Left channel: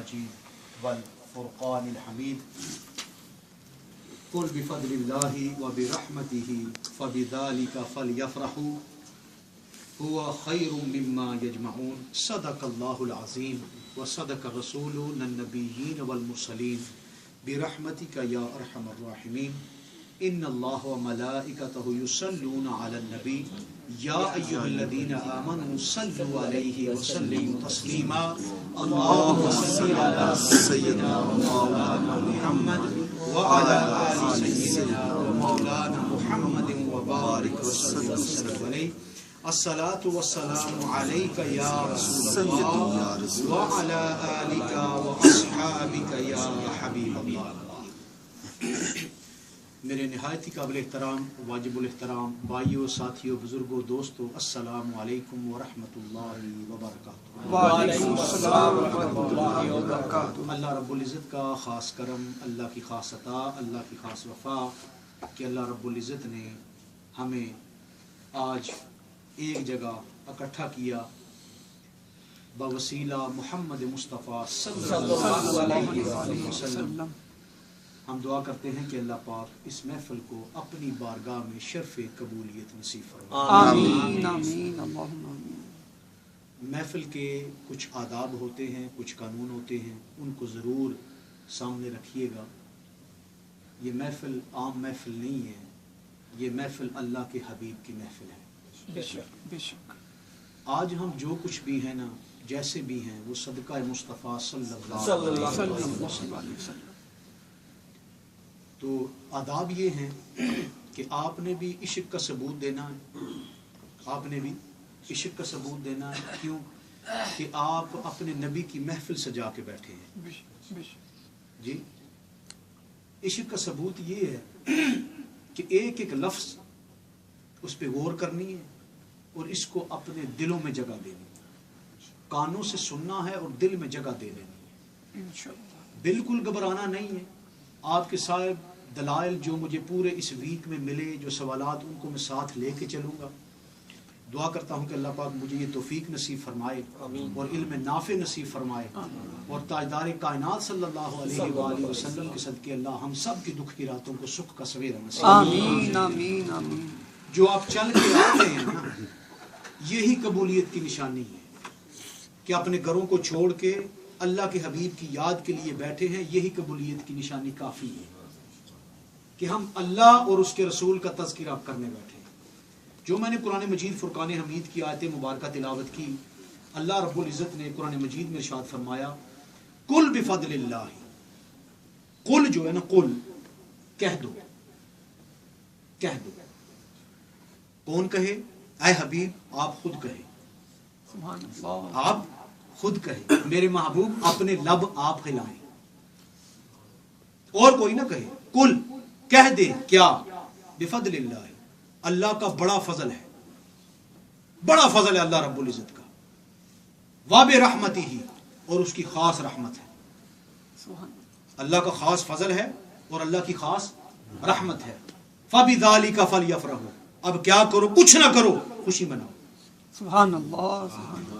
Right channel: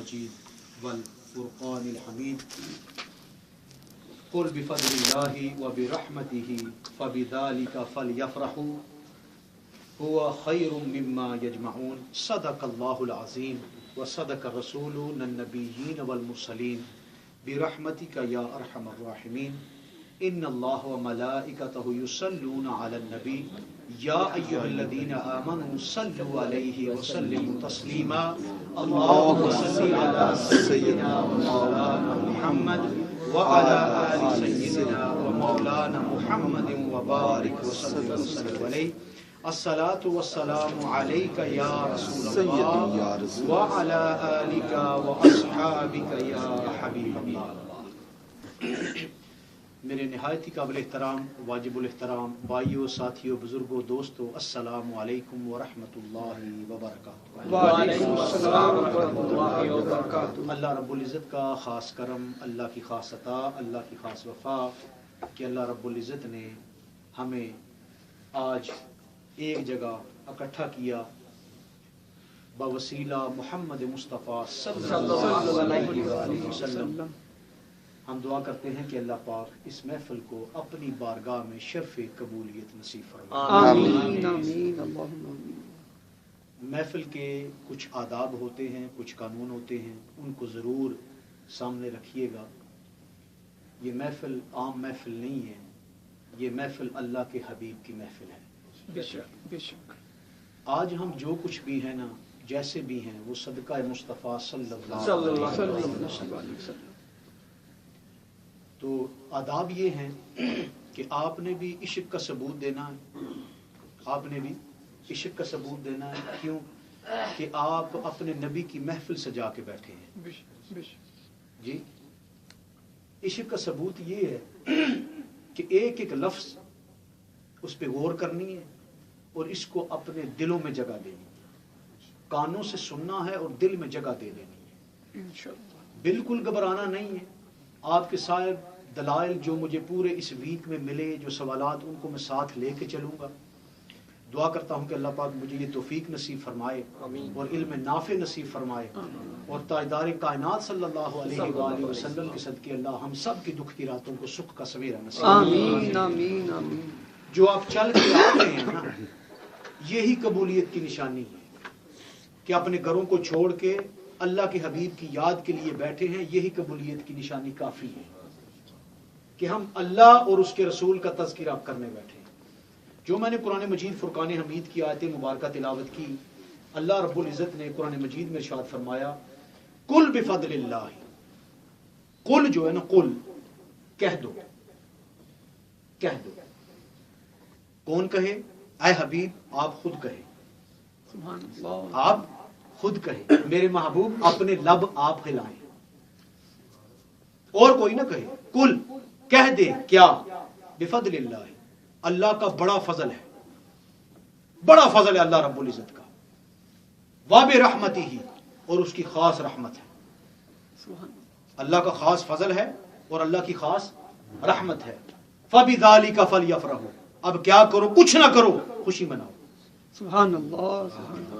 المجيد والفرقان الحميد قل بفضل الله وبرحمته فبذلك فليفرحوا هو خير مما يجمعون صدق الله العظيم وصدق رسولنا النبيين والمرسلين برحمتك يا أرحم الراحمين إن الله وملائكته يصلون على النبي يا أيها الذين آمنوا صلوا عليه وسلموا تسليما اللهم صل على سيدنا ومولانا محمد وعلى آل سيدنا ومولانا محمد وبارك وسلم عليه الصلاة والسلام عليك يا رسول الله وعلى آلك وأصحابك يا حبيب الله. میرے نہایت ہی قابل احترام واجب الاحترام بھائیوں ساتھیوں بزرگوں دوستوں السلام علیکم ورحمۃ اللہ وبرکاتہ. وعلیکم السلام ورحمۃ اللہ وبرکاتہ. اللہ رب العزت کا خاص کرم، اللہ کی خاص عطا، اللہ کی خاص وفا کہ اللہ رب العزت نے ہمیں آج ایک جگہ اکٹھا کیا بوسیلہ محمد مصطفیٰ صلی اللہ علیہ وسلم. ہم دعا کرتے ہیں کہ اللہ پاک اس محفل کو اپنی بارگاہ میں شرف قبولیت نصیب فرمائے. آمین آمین اللہم آمین. محفل کے کچھ آداب ہوتے ہیں، کچھ قانون ہوتے ہیں، ان کو ضرور سامنے رکھیے گا. یہ محفل عام محفل نہیں ہے، یہ محفل اللہ کے حبیب کی محفل ہے. بے شک بے شک. آج ہم جو کچھ بھی ہیں نا، جیسے بھی ہیں، وہ صدقہ مصطفیٰ صلی اللہ علیہ وسلم. تو آداب یہ ہیں کہ آپ نے بھی عشق کا ثبوت دینا ہے، آپ نے بھی عشق کا ثبوت دینا ہے. کیوں کہ آپ اپنے نبی کی محفل سجا کے بیٹھے ہیں. جی عشق کا ثبوت یہ ہے کہ ایک ایک لفظ اس پہ غور کرنی ہے اور اس کو اپنے دلوں میں جگہ دینی ہے. کانوں سے سننا ہے اور دل میں جگہ دے دینی ہے. انشاءاللہ بالکل گھبرانا نہیں ہے. آپ کے صاحب دلائل جو مجھے پورے اس ویک میں ملے، جو سوالات، ان کو میں ساتھ لے کے چلوں گا. دعا کرتا ہوں کہ اللہ پاک مجھے یہ توفیق نصیب فرمائے اور علم نافع نصیب فرمائے اور تاجدار کائنات صلی اللہ علیہ وآلہ وسلم کے صدقے اللہ ہم سب کی دکھ کی راتوں کو سکھ کا سویرا نصیب. آمین آمین آمین. جو آپ چل کے آتے ہیں نا، یہی قبولیت کی نشانی ہے کہ اپنے گھروں کو چھوڑ کے اللہ کے حبیب کی یاد کے لیے بیٹھے ہیں. یہی قبولیت کی نشانی کافی ہے کہ ہم اللہ اور اس کے رسول کا تذکرہ کرنے بیٹھے ہیں. جو میں نے قرآن مجید فرقان حمید کی آیت مبارکہ تلاوت کی، اللہ رب العزت نے قرآن مجید میں ارشاد فرمایا قل بفضل اللہ. قل جو ہے نا، قل کہہ دو، کہہ دو. کون کہے؟ اے حبیب آپ خود کہیں. سبحان اللہ. آپ خود کہیں، میرے محبوب اپنے لب آپ ہلائیں، اور کوئی نہ کہے. قل کہہ دے کیا؟ بفضل اللہ، اللہ کا بڑا فضل ہے، بڑا فضل ہے اللہ رب العزت کا. وبرحمتہ، اور اس کی خاص رحمت ہے. اللہ کا خاص فضل ہے اور اللہ کی خاص رحمت ہے. فبذالک فلیفرحوا. اب کیا کرو؟ کچھ نہ کرو، خوشی مناؤ. سبحان اللہ.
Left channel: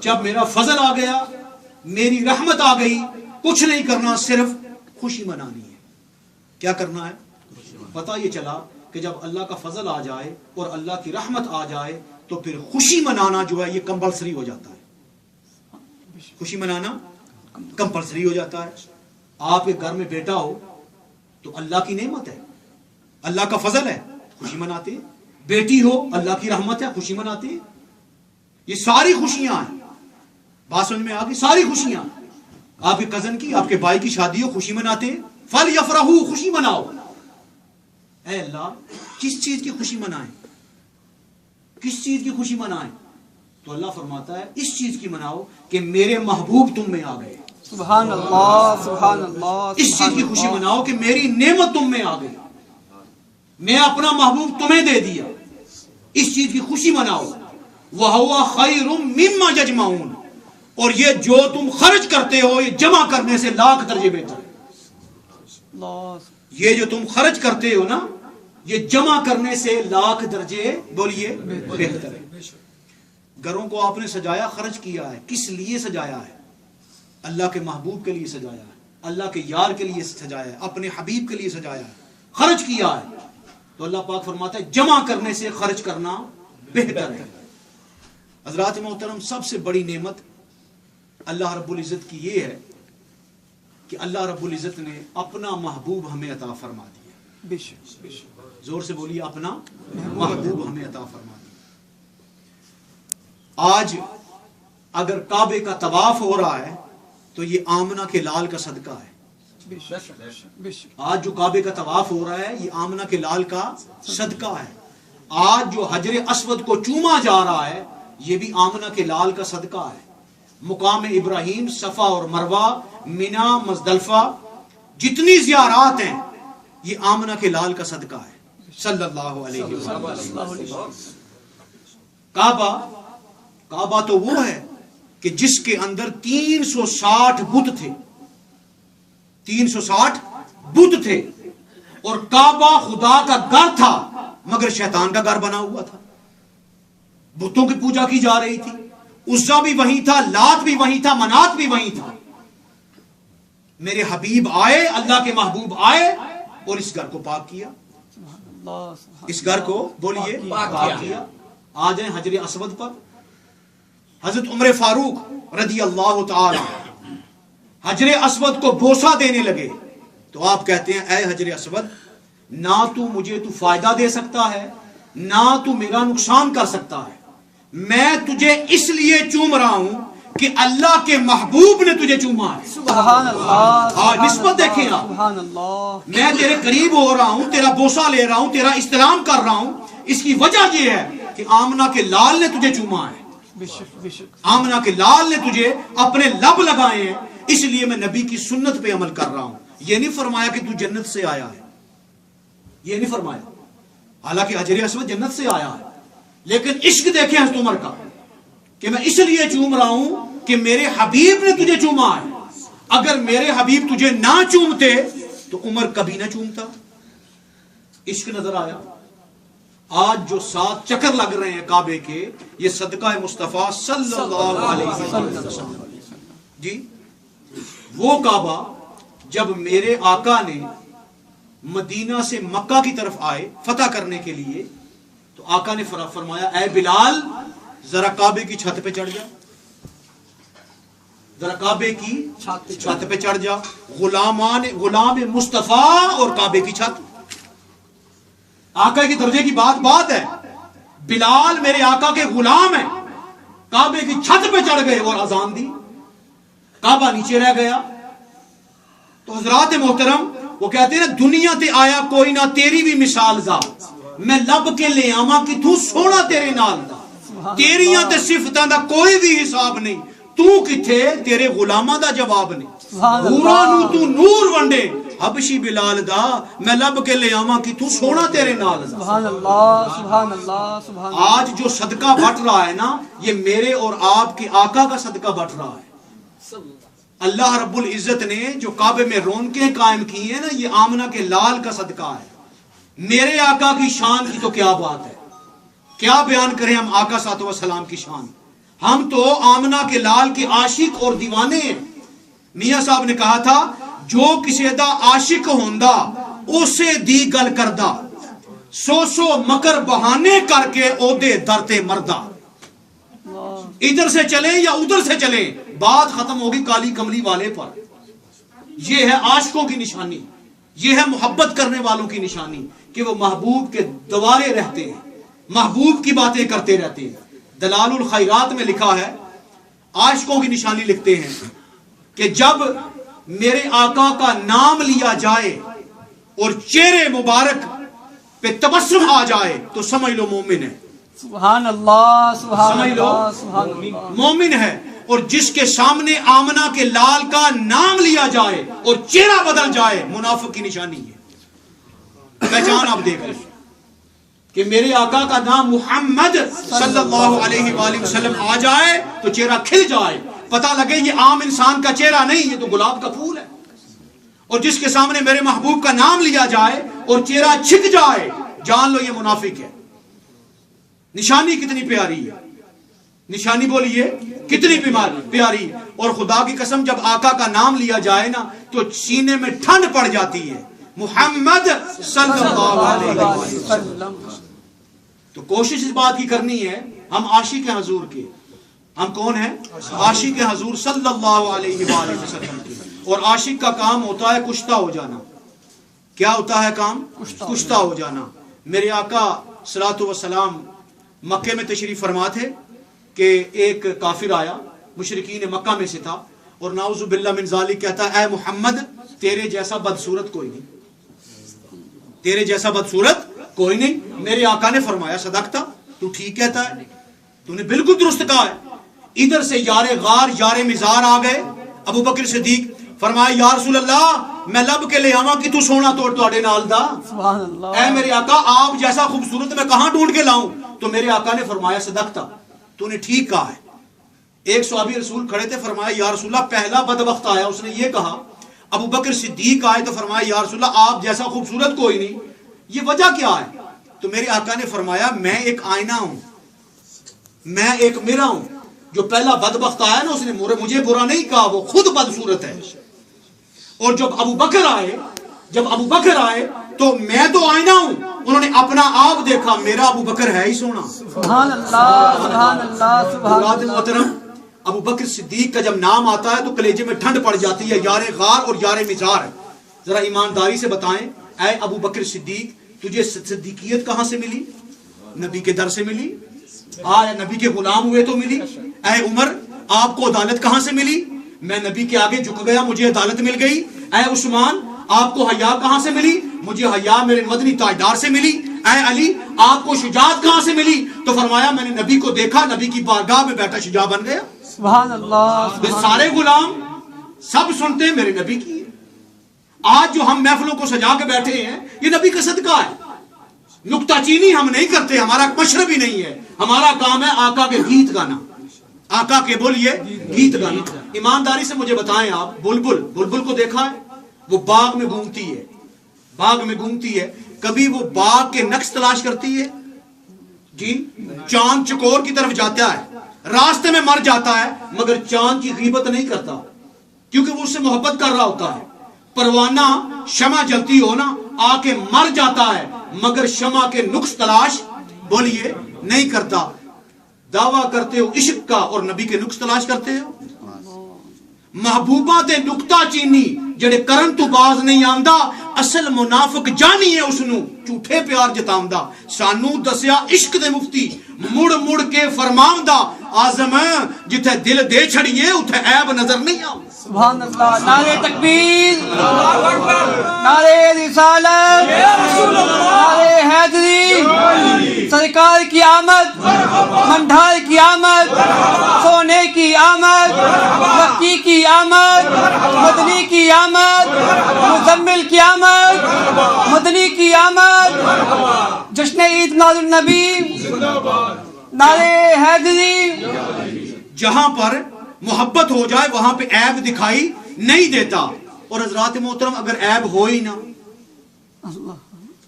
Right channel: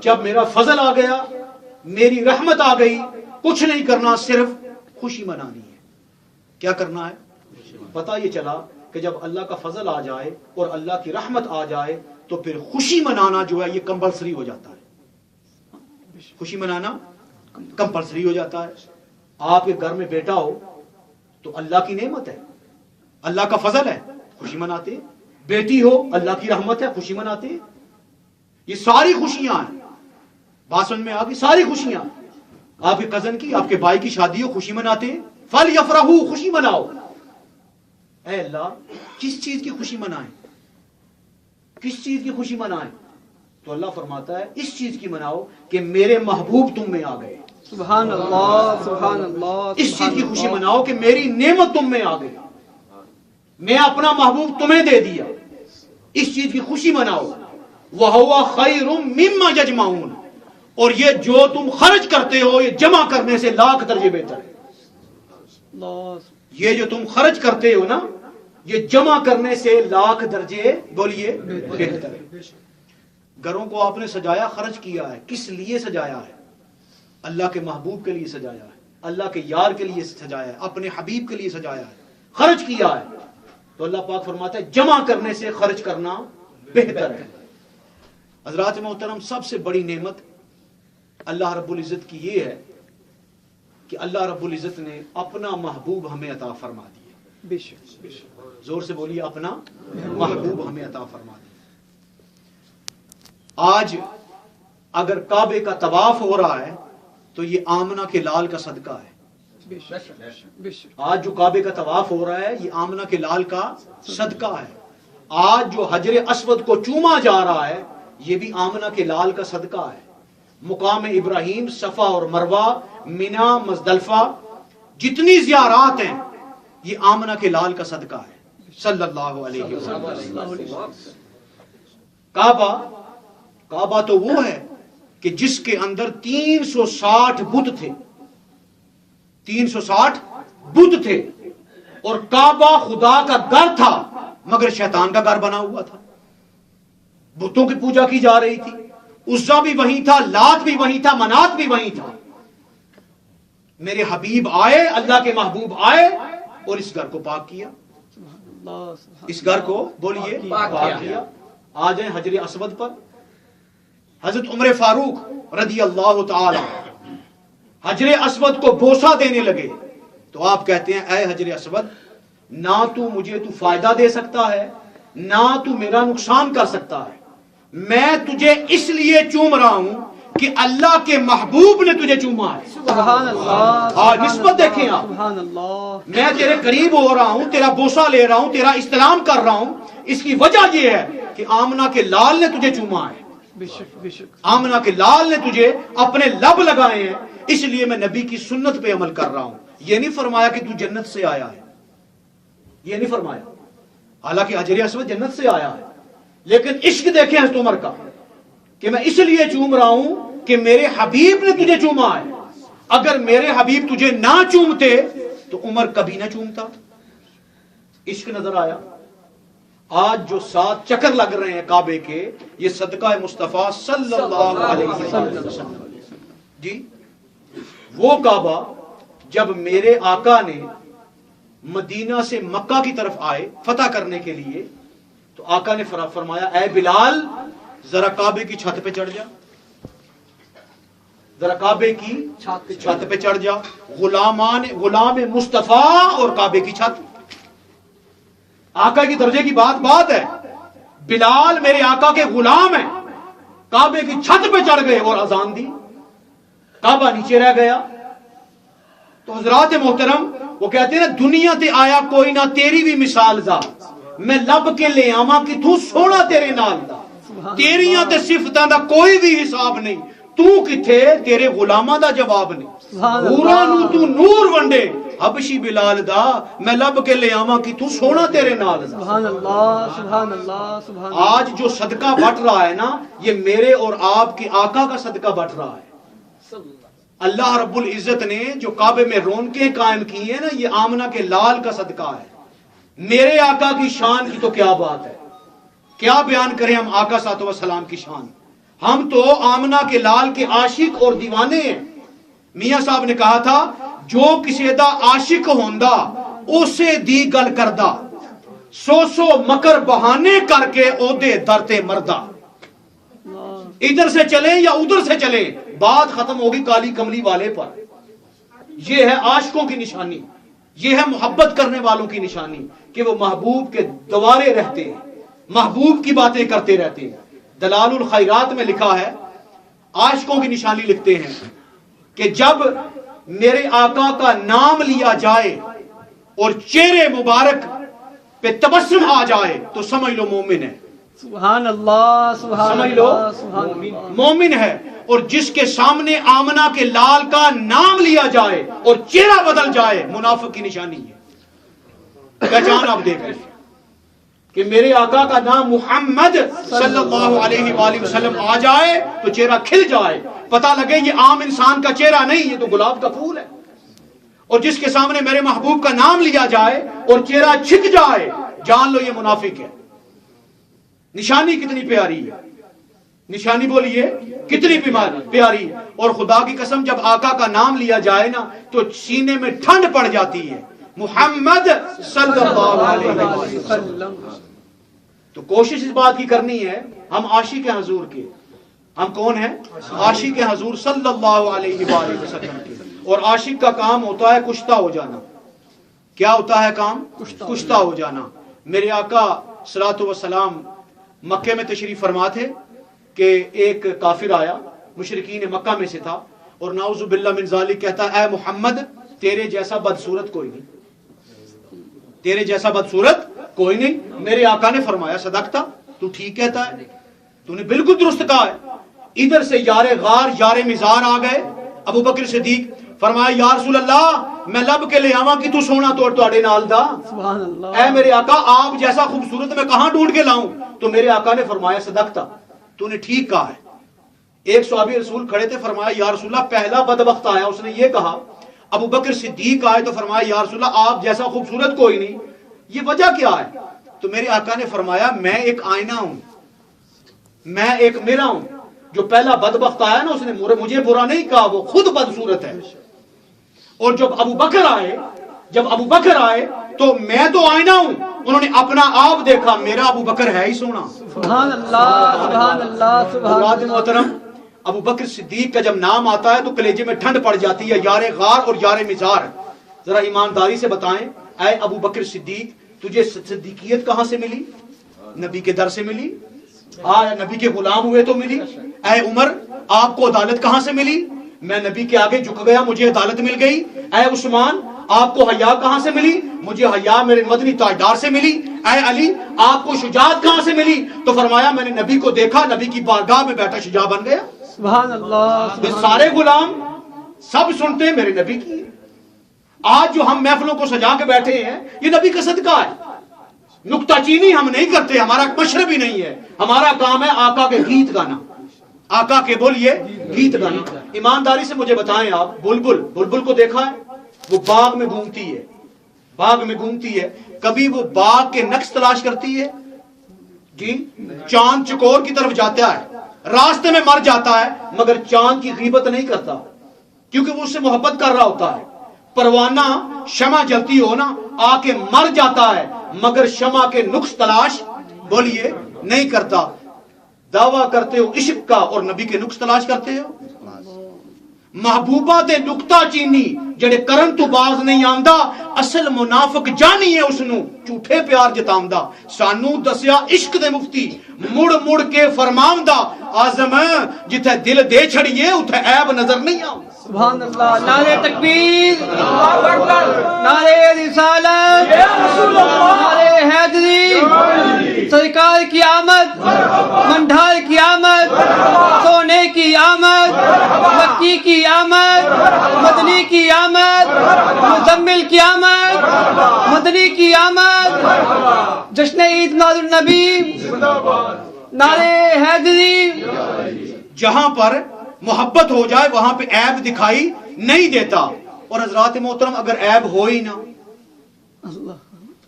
جب میرا فضل آ گیا، میری رحمت آ گئی، کچھ نہیں کرنا، صرف خوشی منانی ہے. کیا کرنا ہے؟ پتہ یہ چلا کہ جب اللہ کا فضل آ جائے اور اللہ کی رحمت آ جائے تو پھر خوشی منانا جو ہے یہ کمپلسری ہو جاتا ہے. خوشی منانا کمپلسری ہو جاتا ہے. آپ کے گھر میں بیٹا ہو تو اللہ کی نعمت ہے، اللہ کا فضل ہے، خوشی مناتے. بیٹی ہو، اللہ کی رحمت ہے، خوشی مناتے. یہ ساری خوشیاں ہیں. بات سمجھ میں آ گئی؟ ساری خوشیاں. آپ کے کزن کی، آپ کے بھائی کی شادی ہو، خوشی مناتے ہیں. فلیفرحوا، خوشی مناؤ. اے اللہ کس چیز کی خوشی منائیں؟ کس چیز کی خوشی منائیں؟ تو اللہ فرماتا ہے اس چیز کی مناؤ کہ میرے محبوب تم میں آ گئے. سبحان اللہ سبحان اللہ. اس چیز کی خوشی مناؤ کہ میری نعمت تم میں آ گئی، میں اپنا محبوب تمہیں دے دیا. اس چیز کی خوشی مناؤ. وَهُوَ خَيْرٌ مِّمَّا يَجْمَعُونَ، اور یہ جو تم خرچ کرتے ہو یہ جمع کرنے سے لاکھ درجے بہتر ہے. یہ جو تم خرچ کرتے ہو نا، یہ جمع کرنے سے لاکھ درجے بولیے بہتر ہے. گھروں کو آپ نے سجایا، خرچ کیا ہے، کس لیے سجایا ہے؟ اللہ کے محبوب کے لیے سجایا ہے، اللہ کے یار کے لیے سجایا ہے، اپنے حبیب کے لیے سجایا ہے، خرچ کیا ہے، تو اللہ پاک فرماتا ہے جمع کرنے سے خرچ کرنا بہتر ہے۔ حضرات محترم، سب سے بڑی نعمت اللہ رب العزت کی یہ ہے کہ اللہ رب العزت نے اپنا محبوب ہمیں عطا فرما دیا۔ بے شک بے شک، زور سے بولیے، اپنا محبوب ہمیں عطا فرما دیا۔ آج اگر کعبے کا طواف ہو رہا ہے تو یہ آمنہ کے لال کا صدقہ ہے۔ بے شک بے شک، آج جو کعبے کا طواف ہو رہا ہے یہ آمنہ کے لال کا صدقہ ہے۔ آج جو حجر اسود کو چوما جا رہا ہے یہ بھی آمنہ کے لال کا صدقہ ہے۔ مقام ابراہیم، صفا اور مروہ، مینا، مزدلفہ، جتنی زیارات ہیں یہ آمنہ کے لال کا صدقہ ہے صلی اللہ علیہ وسلم۔ اللہ علیہ وسلم۔ کعبہ تو وہ ہے کہ جس کے اندر 360 بت تھے، 360 بت تھے، اور کعبہ خدا کا گھر تھا مگر شیطان کا گھر بنا ہوا تھا۔ بتوں کی پوجا کی جا رہی تھی، عزا بھی وہیں تھا، لات بھی وہیں تھا، منات بھی وہیں تھا۔ میرے حبیب آئے، اللہ کے محبوب آئے اور اس گھر کو پاک کیا، اس گھر کو بولیے پاک کیا۔ آ جائیں حجر اسود پر۔ حضرت عمر فاروق رضی اللہ تعالی حجر اسود کو بوسہ دینے لگے تو آپ کہتے ہیں اے حجر اسود، نہ تو مجھے تو فائدہ دے سکتا ہے نہ تو میرا نقصان کر سکتا ہے، میں تجھے اس لیے چوم رہا ہوں کہ اللہ کے محبوب نے تجھے چوما ہے۔ سبحان اللہ، نسبت دیکھیں آپ، سبحان اللہ، میں تیرے قریب ہو رہا ہوں، تیرا بوسہ لے رہا ہوں، تیرا استلام کر رہا ہوں، اس کی وجہ یہ ہے کہ آمنہ کے لال نے تجھے چوما ہے، بے شک بے شک، آمنہ کے لال نے تجھے اپنے لب لگائے ہیں، اس لیے میں نبی کی سنت پہ عمل کر رہا ہوں۔ یہ نہیں فرمایا کہ تو جنت سے آیا ہے، یہ نہیں فرمایا، حالانکہ حجر اسود جنت سے آیا ہے، لیکن عشق دیکھیں حضرت عمر کا کہ میں اس لیے چوم رہا ہوں کہ میرے حبیب نے تجھے چوما ہے، اگر میرے حبیب تجھے نہ چومتے تو عمر کبھی نہ چومتا۔ عشق نظر آیا۔ آج جو 7 چکر لگ رہے ہیں کعبے کے، یہ صدقہ مصطفیٰ صلی اللہ علیہ وسلم۔ جی، وہ کعبہ جب میرے آقا نے مدینہ سے مکہ کی طرف آئے فتح کرنے کے لیے تو آقا نے فرمایا اے بلال ذرا کعبے کی چھت پہ چڑھ جا، ذرا کعبے کی چھت پہ چڑھ جا۔ غلام مصطفیٰ اور کعبے کی چھت، آقا کی درجے کی بات ہے۔ بلال میرے آقا کے غلام ہیں، کعبے کی چھت پہ چڑھ گئے اور اذان دی، کعبہ نیچے رہ گیا۔ تو حضرات محترم، وہ کہتے ہیں دنیا تے آیا کوئی نہ تیری بھی مثال دا، میں لب کے لے آواں کہ تو سونا تیرے نال دا، تیریاں تے صفتاں دا کوئی بھی حساب نہیں، تو کتھے تیرے غلاماں دا جواب نہیں، پورا نو تو نور ونڈے حبشی بلال دا، میں لب کے لے آواں کہ تو سونا تیرے نال دا۔ سبحان اللہ، سبحان اللہ، سبحان اللہ۔ آج جو صدقہ بٹ رہا ہے نا، یہ میرے اور آپ کے آقا کا صدقہ بٹ رہا ہے۔ اللہ رب العزت نے جو کعبے میں رونقیں قائم کی ہیں نا، یہ آمنہ کے لال کا صدقہ ہے۔ میرے آقا کی شان کی تو کیا بات ہے، کیا بیان کریں ہم آقا صلی اللہ علیہ وسلم کی شان۔ ہم تو آمنہ کے لال کے عاشق اور دیوانے ہیں۔ میاں صاحب نے کہا تھا جو کسی دا عاشق ہوندا اسے دی گل کردا، سو مکر بہانے کر کے او دے درتے مردہ۔ ادھر سے چلیں یا ادھر سے چلیں، بات ختم ہوگی کالی کملی والے پر۔ یہ ہے عاشقوں کی نشانی، یہ ہے محبت کرنے والوں کی نشانی کہ وہ محبوب کے دوارے رہتے ہیں، محبوب کی باتیں کرتے رہتے ہیں۔ دلال الخیرات میں لکھا ہے، عاشقوں کی نشانی لکھتے ہیں کہ جب میرے آقا کا نام لیا جائے اور چہرے مبارک پہ تبسم آ جائے تو سمجھ لو مومن ہے، سبحان اللہ، سبحان سمجھ لو اللہ، سبحان اللہ۔ مومن ہے۔ اور جس کے سامنے آمنہ کے لال کا نام لیا جائے اور چہرہ بدل جائے، منافق کی نشانی ہے۔ پہچان آپ دیکھ لیں کہ میرے آقا کا نام محمد صلی اللہ علیہ وآلہ وسلم آ جائے تو چہرہ کھل جائے، پتہ لگے یہ عام انسان کا چہرہ نہیں، یہ تو گلاب کا پھول ہے۔ اور جس کے سامنے میرے محبوب کا نام لیا جائے اور چہرہ چھک جائے، جان لو یہ منافق ہے۔ نشانی کتنی پیاری ہے۔ نشانی بولیے کتنی پیاری. اور خدا کی قسم جب آقا کا نام لیا جائے نا تو سینے میں ٹھنڈ پڑ جاتی ہے. محمد صلی اللہ علیہ وسلم. تو کوشش اس بات کی کرنی ہے ہم عاشق حضور کے. ہم کون ہیں؟ عاشق حضور صلی اللہ علیہ وآلہ وسلم کے. اور عاشق کا کام ہوتا ہے کشتہ ہو جانا. کیا ہوتا ہے کام؟ کشتہ ہو جانا. میرے آقا صلوات و سلام مکے میں تشریف فرما تھے کہ ایک کافر آیا مشرکین مکہ میں سے تھا اور نعوذ باللہ من ذالک کہتا اے محمد تیرے جیسا بدصورت کوئی نہیں, تیرے جیسا بدصورت کوئی نہیں. میرے آقا نے فرمایا صدقتا, تو ٹھیک کہتا ہے, تو نے بالکل درست کہا ہے. ادھر سے یار غار یار مزار آ گئے. ابو بکر صدیق فرمایا یا رسول اللہ میں لب کے لے آواں کہ تو سونا توڑ توڑے نال دا. سبحان اللہ. اے میرے آقا آپ جیسا خوبصورت میں کہاں ڈھونڈ کے لاؤں؟ تو میرے آقا نے فرمایا صدقتا, تو نے ٹھیک کہا ہے. ایک صحابی رسول کھڑے تھے, فرمایا یا رسول اللہ پہلا بدبخت آیا اس نے یہ کہا. ابو بکر صدیق آئے تو فرمایا یا رسول اللہ آپ جیسا خوبصورت کوئی نہیں, یہ وجہ کیا ہے؟ تو میرے آقا نے فرمایا میں ایک آئینہ ہوں, میں ایک میرا ہوں. جو پہلا بدبخت آیا نا اس نے مجھے برا نہیں کہا, وہ خود بدصورت ہے. اور جب ابو بکر آئے تو میں تو آئینہ ہوں, انہوں نے اپنا آپ دیکھا, میرا ابو بکر ہے ہی سونا. سبحان اللہ سبحان اللہ سبحان اللہ. محترم ابو بکر صدیق کا جب نام آتا ہے تو کلیجے میں ٹھنڈ پڑ جاتی ہے. یار غار اور یار مزار. ذرا ایمانداری سے بتائیں اے ابو بکر صدیق تجھے صدیقیت کہاں سے ملی؟ نبی کے در سے ملی. نبی کے غلام ہوئے تو ملی. اے عمر آپ کو عدالت کہاں سے ملی؟ میں نبی کے آگے جھک گیا مجھے عدالت مل گئی. اے عثمان آپ کو حیا کہاں سے ملی؟ مجھے حیا میرے مدنی تاجدار سے ملی. اے علی آپ کو شجاعت کہاں سے ملی؟ تو فرمایا میں نے نبی کو دیکھا, نبی کی بارگاہ میں بیٹھا شجاع بن گیا. سبحان اللہ. یہ سارے غلام سب سنتے ہیں میرے نبی کی. آج جو ہم محفلوں کو سجا کے بیٹھے ہیں یہ نبی کا صدقہ ہے. نکتہ چینی ہم نہیں کرتے, ہمارا مشرب ہی نہیں ہے. ہمارا کام ہے آقا کے گیت گانا, آقا کے بولیے گیت گانا. ایمانداری سے مجھے بتائیں آپ بلبل کو دیکھا ہے؟ وہ باغ میں گھومتی ہے, کبھی وہ باغ کے نقش تلاش کرتی ہے؟ جی چاند چکور کی طرف جاتا ہے, راستے میں مر جاتا ہے مگر چاند کی غیبت نہیں کرتا کیونکہ وہ اس سے محبت کر رہا ہوتا ہے. پروانہ شمع جلتی ہو نا آ کے مر جاتا ہے مگر شمع کے نقش تلاش بولیے نہیں کرتا. دعویٰ کرتے ہو عشق کا اور نبی کے نقش تلاش کرتے ہو. محبوبہ تے نکتہ چینی جڑے کرن تو باز نہیں آمدا, اصل منافق جانی ہے اس نو جھوٹے پیار جتامدا. سانو دسیا عشق دے مفتی مڑ مڑ کے فرماوندا, آزم جتھے دل دے چھڑیے اتھے عیب نظر نہیں آ. سبحان اللہ. نعرہ تکبیر, نعرہ رسالت, نعرہ حیدری, سرکار کی آمد, منڈھار کی آمد, سونے کی آمد, بکی کی آمد, مدنی کی آمد, مزمل کی آمد, مدنی کی آمد, جشن عید میلاد النبی, نعرہ حیدری. جہاں پر محبت ہو جائے وہاں پہ عیب دکھائی نہیں دیتا. اور حضرات محترم اگر عیب ہو ہی نہ,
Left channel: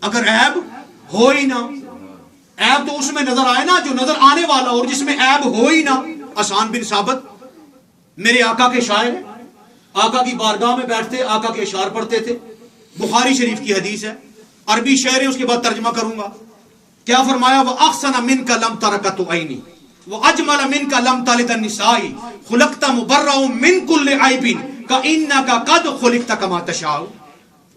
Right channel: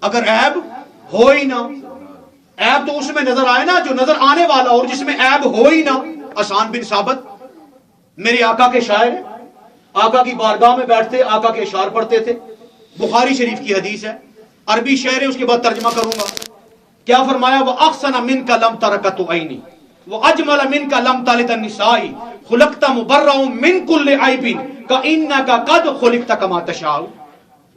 اگر عیب ہو ہی نہ, عیب تو اس میں نظر آئے نا جو نظر آنے والا, اور جس میں عیب ہو ہی نہ. حسان بن ثابت میرے آقا کے شاعر, آقا کی بارگاہ میں بیٹھتے آقا کے اشعار پڑھتے تھے. بخاری شریف کی حدیث ہے, عربی شعر ہے, اس کے بعد ترجمہ کروں گا. کیا فرمایا؟ وہ احسن من کا لم ترکت عینی وہ اجمل من کا لم تلد النساء خلقت مبرأ من کل عیب کانک قد خلقت کما تشاء.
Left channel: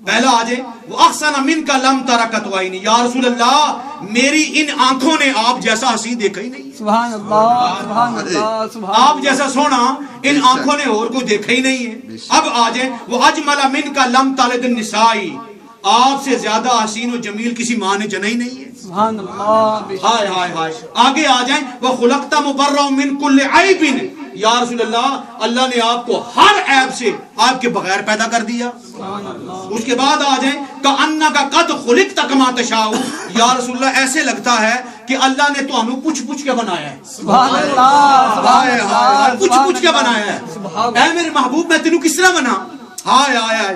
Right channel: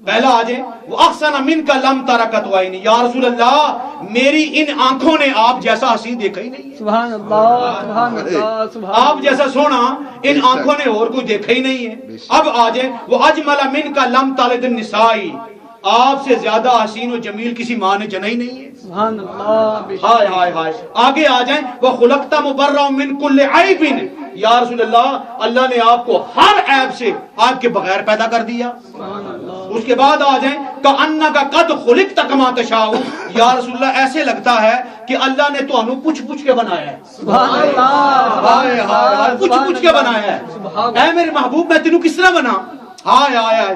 پہلا آ جائے وہ احسن من کا لم ترکت عینی. یا رسول اللہ میری ان آنکھوں نے آپ جیسا حسین دیکھا ہی نہیں ہے. سبحان اللہ سبحان اللہ سبحان. آپ جیسا سونا ان آنکھوں نے اور کوئی دیکھا ہی نہیں ہے. اب آ جائیں وہ اجمل من کا لم تلد النساء, آپ سے زیادہ حسین و جمیل کسی ماں نے جنا ہی نہیں ہے. سبحان اللہ. ہائے ہائے ہائے. آگے آ جائیں وہ خلقت مبرأ من کل عیب. یا رسول اللہ اللہ نے آپ کو ہر عیب سے آپ کے بغیر پیدا کر دیا. اس کے بعد آ جائیں کانک قد خلقت کما تشاء. یا رسول اللہ ایسے لگتا ہے کہ اللہ نے تو انو پوچھ پوچھ کے بنایا ہے. سبحان اللہ ہائے ہائے پوچھ پوچھ کے بنایا ہے. اے میرے محبوب میں تینوں کس طرح بنا؟ ہائے ہائے ہائے.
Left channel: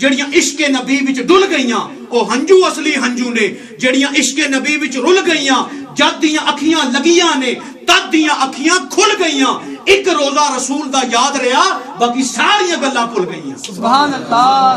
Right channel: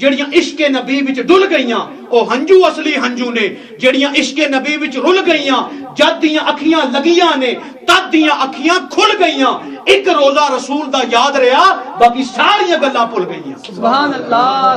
ਜਿਹੜੀਆਂ ਇਸ਼ਕ ਨਬੀ ਵਿੱਚ ਡੁੱਲ ਗਈਆਂ, ਉਹ ਹੰਝੂ ਅਸਲੀ ਹੰਝੂ ਨੇ ਜਿਹੜੀਆਂ ਇਸ਼ਕ ਨਬੀ ਵਿੱਚ ਰੁੱਲ ਗਈਆਂ। ਜਦ ਦੀਆਂ ਅੱਖੀਆਂ ਲੱਗੀਆਂ ਨੇ ਤਦ ਦੀਆਂ ਅੱਖੀਆਂ ਖੁੱਲ ਗਈਆਂ। ਇੱਕ ਰੋਜ਼ਾ ਰਸੂਲ ਦਾ ਯਾਦ ਰਿਹਾ, ਬਾਕੀ ਸਾਰੀਆਂ ਗੱਲਾਂ ਭੁੱਲ ਗਈਆਂ। ਸੁਭਾਨ ਅੱਲਾਹ,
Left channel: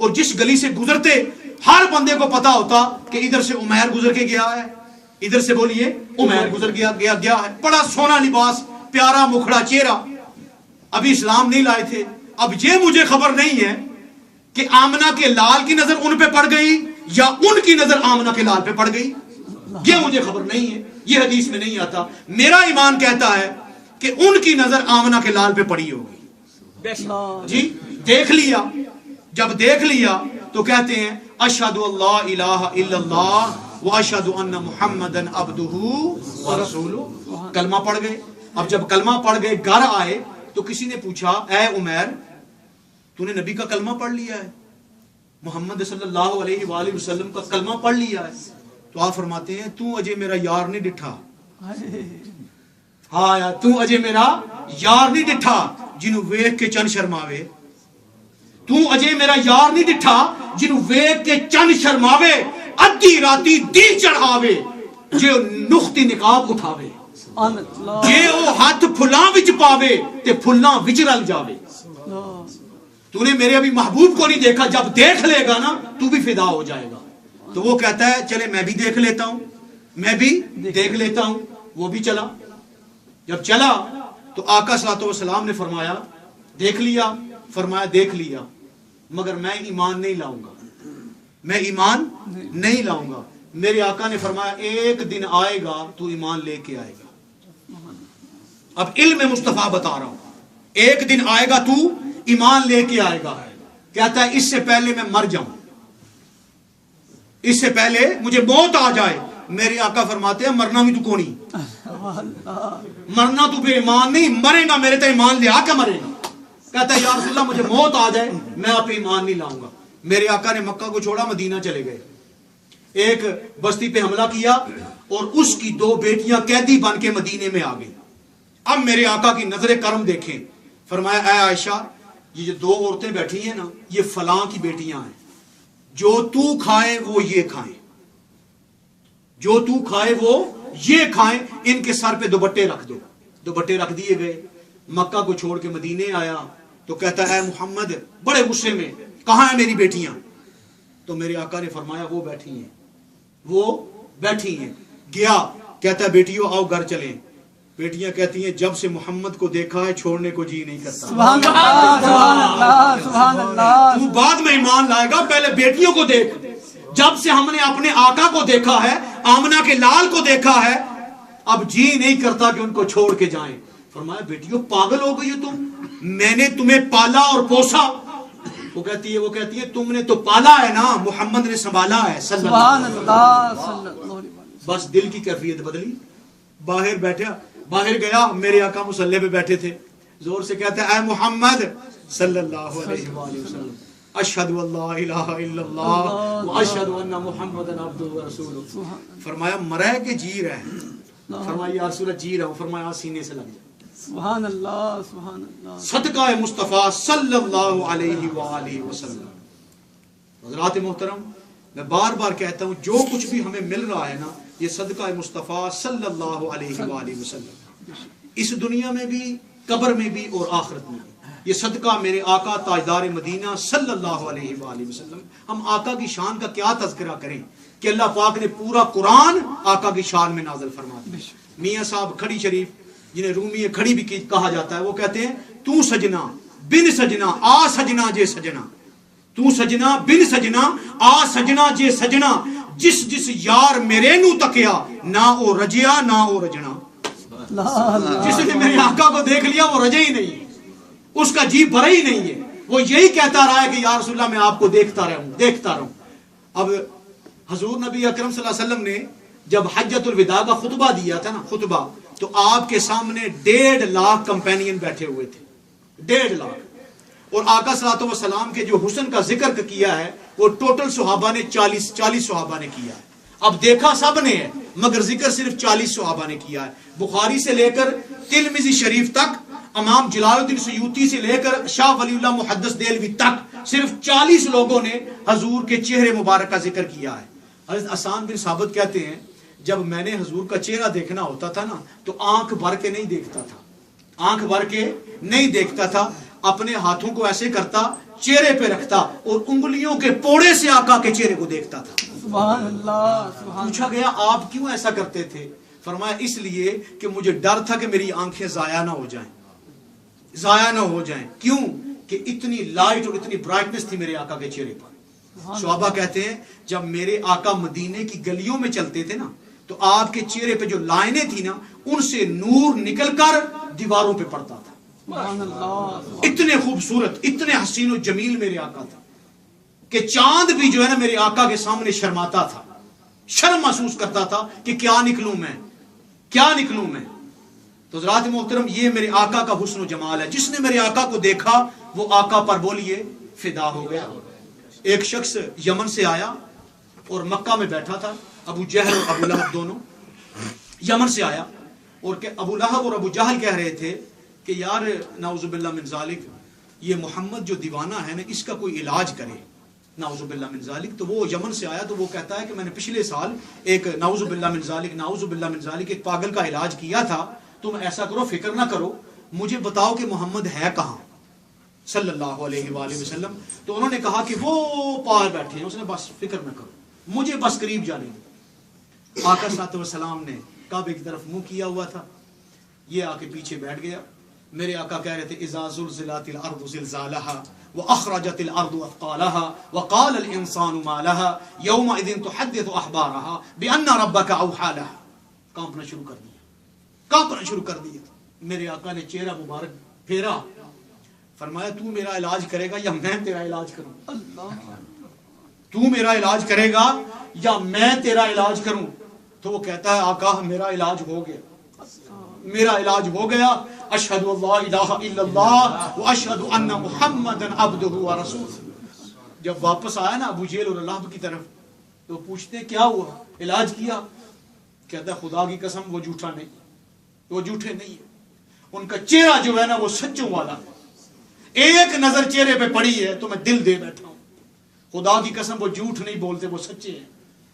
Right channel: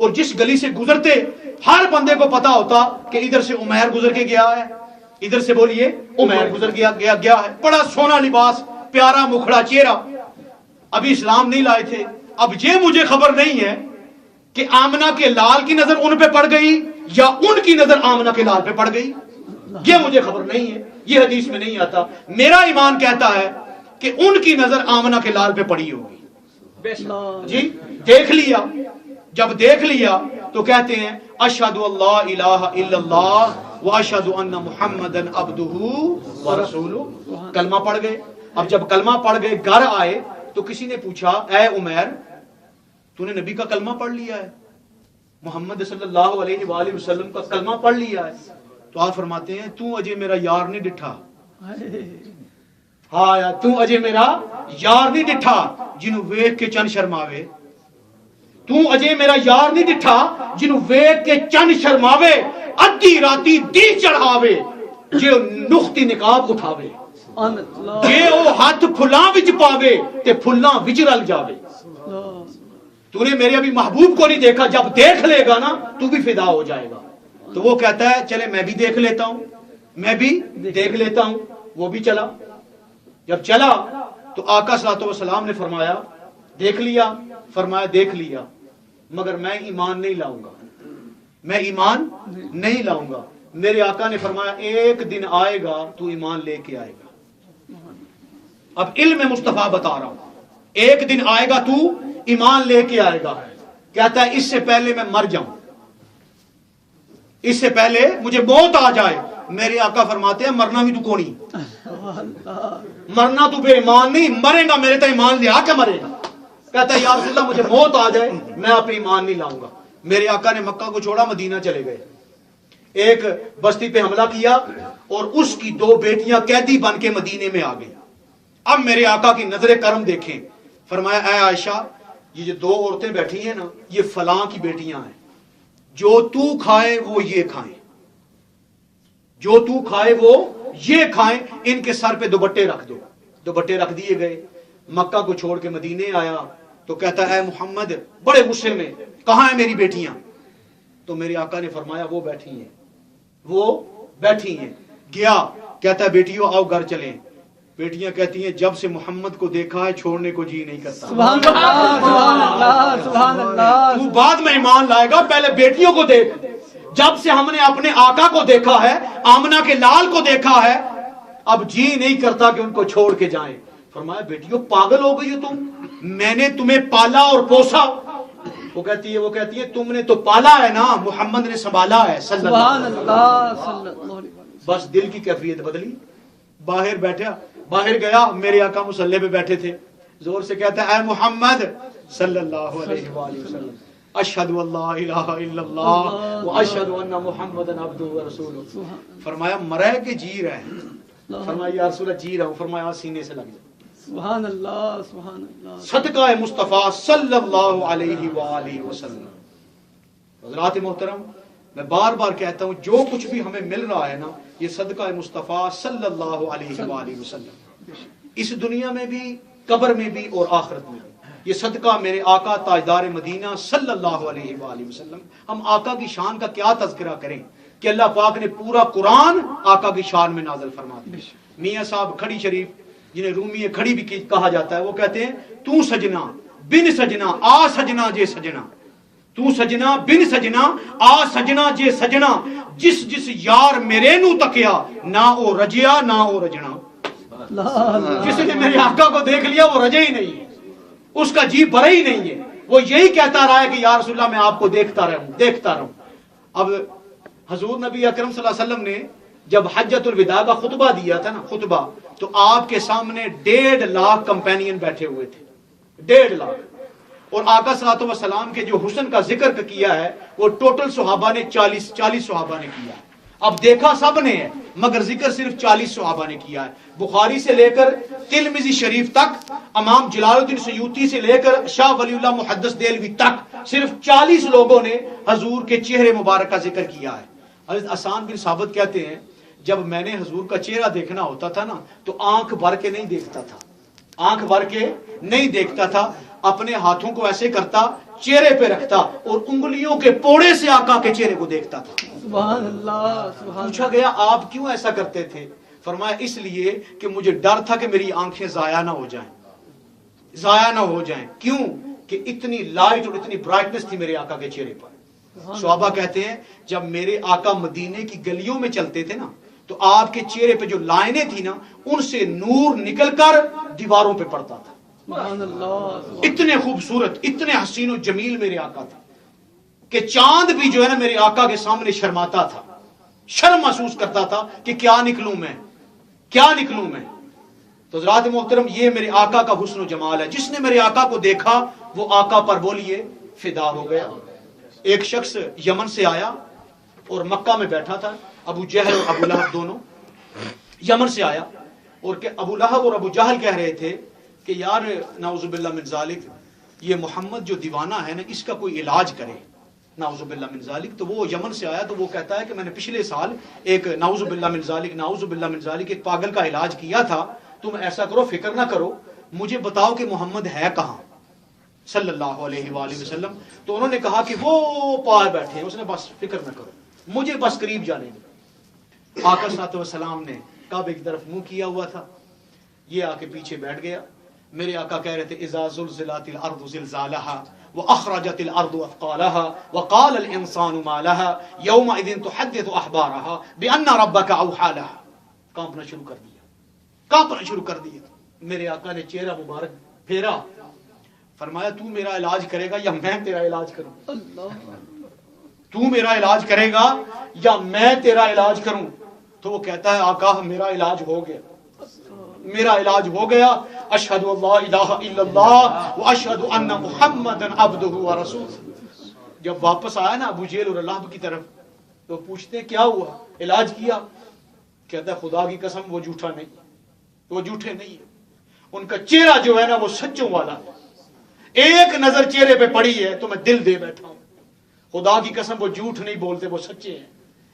اور جس گلی سے گزرتے ہر بندے کو پتا ہوتا کہ ادھر سے عمیر گزر کے گیا ہے, ادھر سے بولیے عمیر گزر گیا ہے. بڑا سونا لباس, پیارا مکھڑا چہرہ. ابھی اسلام نہیں لائے تھے. اب یہ مجھے خبر نہیں ہے کہ آمنہ کے لال کی نظر ان پہ پڑ گئی یا ان کی نظر آمنہ کے لال پہ پڑ گئی, یہ مجھے خبر نہیں ہے, یہ حدیث میں نہیں آتا. میرا ایمان کہتا ہے کہ ان کی نظر آمنہ کے لال پہ پڑی ہوگی. جی دیکھ لیا, جب دیکھ لیا تو کہتے ہیں اشہد اللہ الہ الا اللہ واشہد ان محمدن عبدہ ورسولہ. کلمہ پڑھ گئے. اب جب کلمہ پڑھ گئے گھر آئے تو کسی نے پوچھا اے عمیر تو نے نبی کا کلمہ پڑھ لیا ہے, محمد صلی اللہ علیہ وآلہ وسلم کا کلمہ پڑھ لیا ہے؟ تو آپ فرماتے ہیں تو اجے میرا یار نہیں ڈٹھا. ہاں یار تو اجے میرا یار نہیں ڈٹھا جنوں ویکھ کے چن شرماوے. تو اجے میرا یار نہیں ڈٹھا جنوں ویکھ کے چن شرماوے, ادھی راتی دل چڑھاوے, جو نختی نقاب اٹھاوے, جے او ہاتھ پھلاں وچ پاوے تے پھلاں وچ رل جاوے. تو نے میرے ابھی محبوب کو نہیں دیکھا, جب دیکھ لے گا نا تو بھی فدا ہو جائے گا. تو وہ کہتا ہے چلے میں بھی دیکھ لیتا ہوں, میں بھی دیکھ لیتا ہوں. وہ بھی چلا. جب چلا تو آقا صلی اللہ علیہ وسلم نے فرمایا دیکھ لیا, فرمایا دیکھ لیا مگر میں ایمان نہیں لاؤں گا, میں ایمان نہیں لاؤں گا. میرے آقا نے فرمایا ایک دن آئے گا تو ایمان لے کے آئے گا. اب علم مصطفیٰ بتا رہا ہوں, ایک دن آئے گا تو ایمان لے کے آئے گا. کہتا ہے اس سے پہلے میں مر جاؤں, اس سے پہلے مجھے موت آ جائے. میرے آقا فرماتے ہیں مرنا بھی تو کونی, مرنا تو بے ایمان نہیں, مرے گا میرے تو ایمان لے آ کے مرے گا. کہتا ہے یا رسول اللہ مجھے موت آ جائے میں آپ ایمان نہیں لاؤں گا. میرے آقا نے مکہ کو چھوڑا, مدینہ چلے گئے. ایک بستی پہ حملہ کیا اور اس کی 2 بیٹیاں قیدی بن کے مدینے میں آ گئی. اب میرے آقا کی نظر کرم دیکھیں, فرمایا اے عائشہ یہ جو 2 عورتیں بیٹھی ہیں نا یہ فلاں کی بیٹیاں ہیں, جو تو کھائے وہ یہ کھائیں, جو تو کھائے وہ یہ کھائیں, ان کے سر پہ دوپٹے رکھ دو. دوپٹے رکھ دیے گئے. مکہ کو چھوڑ کے مدینے آیا تو کہتا ہے اے محمد, بڑے غصے میں, کہاں ہیں میری بیٹیاں؟ تو میرے آقا نے فرمایا وہ بیٹھی ہیں, وہ بیٹھی ہیں. گیا, کہتا ہے بیٹیوں آؤ گھر چلیں. بیٹیاں کہتی ہیں جب سے محمد کو دیکھا ہے چھوڑنے کو جی نہیں کرتا. سبحان اللہ سبحان اللہ سبحان اللہ. تو بعد میں ایمان لائے گا, پہلے بیٹیوں کو دیکھ. جب سے ہم نے اپنے آقا کو دیکھا ہے, آمنہ کے لال کو دیکھا ہے, اب جی نہیں کرتا کہ ان کو چھوڑ کے جائیں. فرمایا بیٹیوں پاگل ہو گئی ہو تم, میں نے تمہیں پالا اور پوسا. وہ کہتی ہے تم نے تو پالا ہے نا, محمد نے سنبھالا ہے. سبحان اللہ صلی اللہ علیہ وسلم. بس دل کی کیفیت بدلی. باہر گیا, میرے آقا مصلی پہ بیٹھے تھے, زور سے کہتا ہے اے محمد صلی اللہ علیہ وآلہ وسلم اشہد اللہ الہ الا اللہ واشہد ان محمدن عبدہ ورسولہ. فرمایا مرے کہ جی رہے؟ فرمایا یا رسول اللہ جی رہا ہوں. فرمایا سینے سے لگ جائے. سبحان اللہ سبحان اللہ. صدقہ مصطفیٰ صلی اللہ علیہ وآلہ وسلم. حضرات محترم, میں بار بار کہتا ہوں جو کچھ بھی ہمیں مل رہا ہے نا یہ صدقہ مصطفیٰ صلی اللہ علیہ وآلہ وسلم, اس دنیا میں بھی قبر میں بھی اور آخرت میں. یہ صدقہ میرے آقا تاجدار مدینہ صلی اللہ علیہ وآلہ وسلم. ہم آقا کی شان کا کیا تذکرہ کریں کہ اللہ پاک نے پورا قرآن آقا کی شان میں نازل فرما دیا. میاں صاحب کھڑی شریف جنہیں رومی کھڑی بھی کہا جاتا ہے, وہ کہتے ہیں تو سجنا بن سجنا آ سجنا جے سجنا, تو سجنا بن سجنا آ سجنا جے سجنا, جس جس یار میرے نو تکیا نہ او رجیا نہ او رجنا. جس نے میرے آقا کو دیکھ لیا وہ رجے ہی نہیں, اس کا جی بھرا ہی نہیں ہے, وہ یہی کہتا رہا ہے کہ یا رسول اللہ میں آپ کو دیکھتا رہوں. اب حضور نبی اکرم صلی اللہ علیہ وسلم نے جب حجۃ الوداع کا خطبہ دیا تھا نا, خطبہ, تو آپ کے سامنے 1.5 لاکھ کمپینین بیٹھے ہوئے تھے, 1.5 لاکھ. اور آقا صلی اللہ علیہ وسلم کے جو حسن کا ذکر کیا ہے وہ ٹوٹل صحابہ نے 40 صحابہ نے کیا ہے. اب دیکھا سب نے ہے مگر ذکر صرف 40 صحابہ نے کیا ہے. بخاری سے لے کر ترمذی شریف تک, امام جلال الدین سیوطی سے لے کر شاہ ولی اللہ محدث دہلوی تک صرف 40 لوگوں نے حضور کے چہرے مبارک کا ذکر کیا ہے. حضرت حسان بن ثابت کہتے ہیں جب میں نے حضور کا چہرہ دیکھنا ہوتا تھا نا تو آنکھ بھر کے نہیں دیکھتا تھا, آنکھ بھر کے نہیں دیکھتا تھا. اپنے ہاتھوں کو ایسے کرتا, چہرے پہ رکھتا اور انگلیوں کے پوڑے سے آقا کے چہرے کو دیکھتا تھا. سبحان اللہ. پوچھا گیا آپ کیوں ایسا کرتے تھے؟ فرمایا اس لیے کہ مجھے ڈر تھا کہ میری آنکھیں ضائع نہ ہو جائیں, ضائع نہ ہو جائیں. کیوں؟ کہ اتنی لائٹ اور اتنی برائٹنس تھی میرے آقا کے چہرے پر. صحابہ کہتے ہیں جب میرے آقا مدینے کی گلیوں میں چلتے تھے نا تو آپ کے چہرے پہ جو لائنیں تھی نا ان سے نور نکل کر دیواروں پہ پڑتا تھا. سبحان اللہ. اتنے خوبصورت, اتنے حسین و جمیل میرے آقا تھے کہ چاند بھی جو ہے نا میرے آقا کے سامنے شرماتا تھا, شرم محسوس کرتا تھا کہ کیا نکلوں میں, کیا نکلوں میں. تو حضرات محترم یہ میرے آقا کا حسن و جمال ہے. جس نے میرے آقا کو دیکھا وہ آقا پر بولیے فدا ہو گیا. ایک شخص یمن سے آیا اور مکہ میں بیٹھا تھا, ابو جہل اور ابو لہب دونوں یمن سے آیا, اور کہ ابو لہب اور ابو جہل کہہ رہے تھے کہ یار نعوذ باللہ من ذالک, یہ محمد جو دیوانہ ہے نا اس کا کوئی علاج کرے, نعوذ باللہ من ذالک. تو وہ یمن سے آیا تو وہ کہتا ہے کہ میں نے پچھلے سال ایک نعوذ باللہ من ذالک, نعوذ باللہ من ذالک ایک پاگل کا علاج کیا تھا. تم ایسا کرو, فکر نہ کرو, مجھے بتاؤ کہ محمد ہے کہاں صلی اللہ علیہ وآلہ وسلم. تو انہوں نے کہا کہ وہ پار بیٹھے ہیں. اس نے بس فکر نہ کرو, مجھے بس قریب جانے دو. آقا صلی اللہ علیہ وسلم نے کعبے کی طرف منہ کیا ہوا تھا, یہ آ کے پیچھے بیٹھ گیا. میرے آقا کہہ رہے تھے اذا زلزلت الارض زلزالها واخرجت الارض اثقالها وقال الانسان ما لها يومئذ تحدث اخبارها بان ربك اوحى لها. کانپنا شروع کر دیا, کانپنا شروع کر دیا. میرے آقا نے چہرہ مبارک پھیرا, فرمایا تو میرا علاج کرے گا یا میں تیرا علاج کروں؟ اللہ. تو میرا علاج کرے گا یا میں تیرا علاج کروں؟ تو وہ کہتا ہے آقا میرا علاج ہو گیا, میرا علاج ہو گیا. اشہد ان لا الہ الا اللہ واشہد ان محمدا عبدہ ورسولہ. جب واپس آیا نا ابو جہل اور لہب کی طرف تو پوچھتے کیا ہوا, علاج کیا؟ کہتا ہے خدا کی قسم وہ جھوٹا نہیں, وہ جھوٹے نہیں ہیں. ان کا چہرہ جو ہے نا وہ سچوں والا ہے. ایک نظر چہرے پہ پڑی ہے تو میں دل دے بیٹھا ہوں. خدا کی قسم وہ جھوٹ نہیں بولتے, وہ سچے ہیں.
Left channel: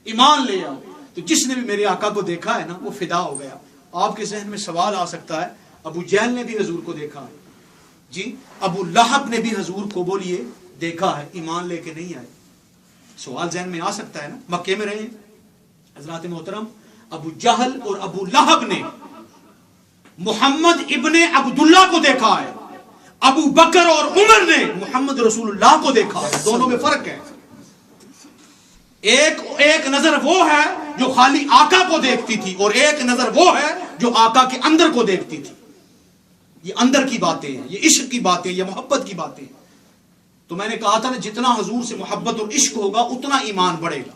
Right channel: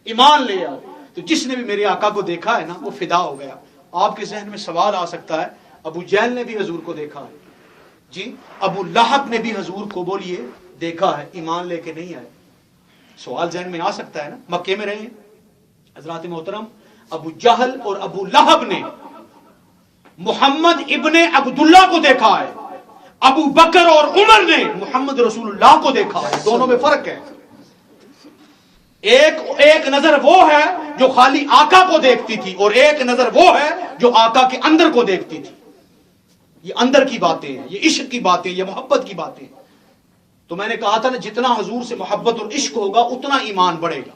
ایمان لے آؤ. تو جس نے بھی میرے آقا کو دیکھا ہے نا وہ فدا ہو گیا. آپ کے ذہن میں سوال آ سکتا ہے ابو جہل نے بھی حضور کو دیکھا ہے, جی ابو لہب نے بھی حضور کو بولیے دیکھا ہے, ایمان لے کے نہیں آئے. سوال ذہن میں آ سکتا ہے نا, مکے میں رہے. حضرات محترم ابو جہل اور ابو لہب نے محمد ابن عبداللہ کو دیکھا ہے, ابو بکر اور عمر نے محمد رسول اللہ کو دیکھا ہے. دونوں میں فرق ہے. ایک نظر وہ ہے جو خالی آقا کو دیکھتی تھی اور ایک نظر وہ ہے جو آقا کے اندر کو دیکھتی تھی. یہ اندر کی باتیں ہیں, یہ عشق کی باتیں, یہ محبت کی باتیں. تو میں نے کہا تھا نا جتنا حضور سے محبت اور عشق ہوگا اتنا ایمان بڑھے گا.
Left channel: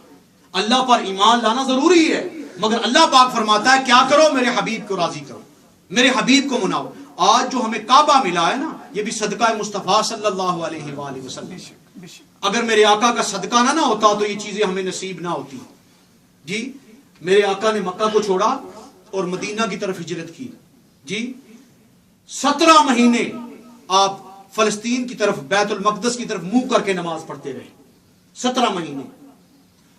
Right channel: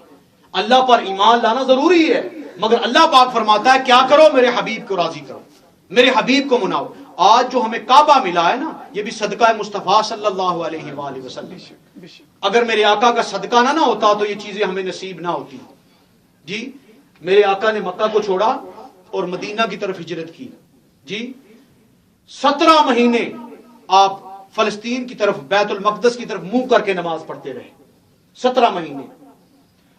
اللہ پر ایمان لانا ضروری ہے, مگر اللہ پاک فرماتا ہے کیا کرو, میرے حبیب کو راضی کرو, میرے حبیب کو مناؤ. آج جو ہمیں کعبہ ملا ہے نا یہ بھی صدقہ مصطفیٰ صلی اللہ علیہ وآلہ وسلم. اگر میرے آقا کا صدقہ نہ ہوتا تو یہ چیزیں ہمیں نصیب نہ ہوتی. جی میرے آقا نے مکہ کو چھوڑا اور مدینہ کی طرف ہجرت کی. جی 17 مہینے آپ فلسطین کی طرف, بیت المقدس کی طرف منہ کر کے نماز پڑھتے رہے. 17 مہینے.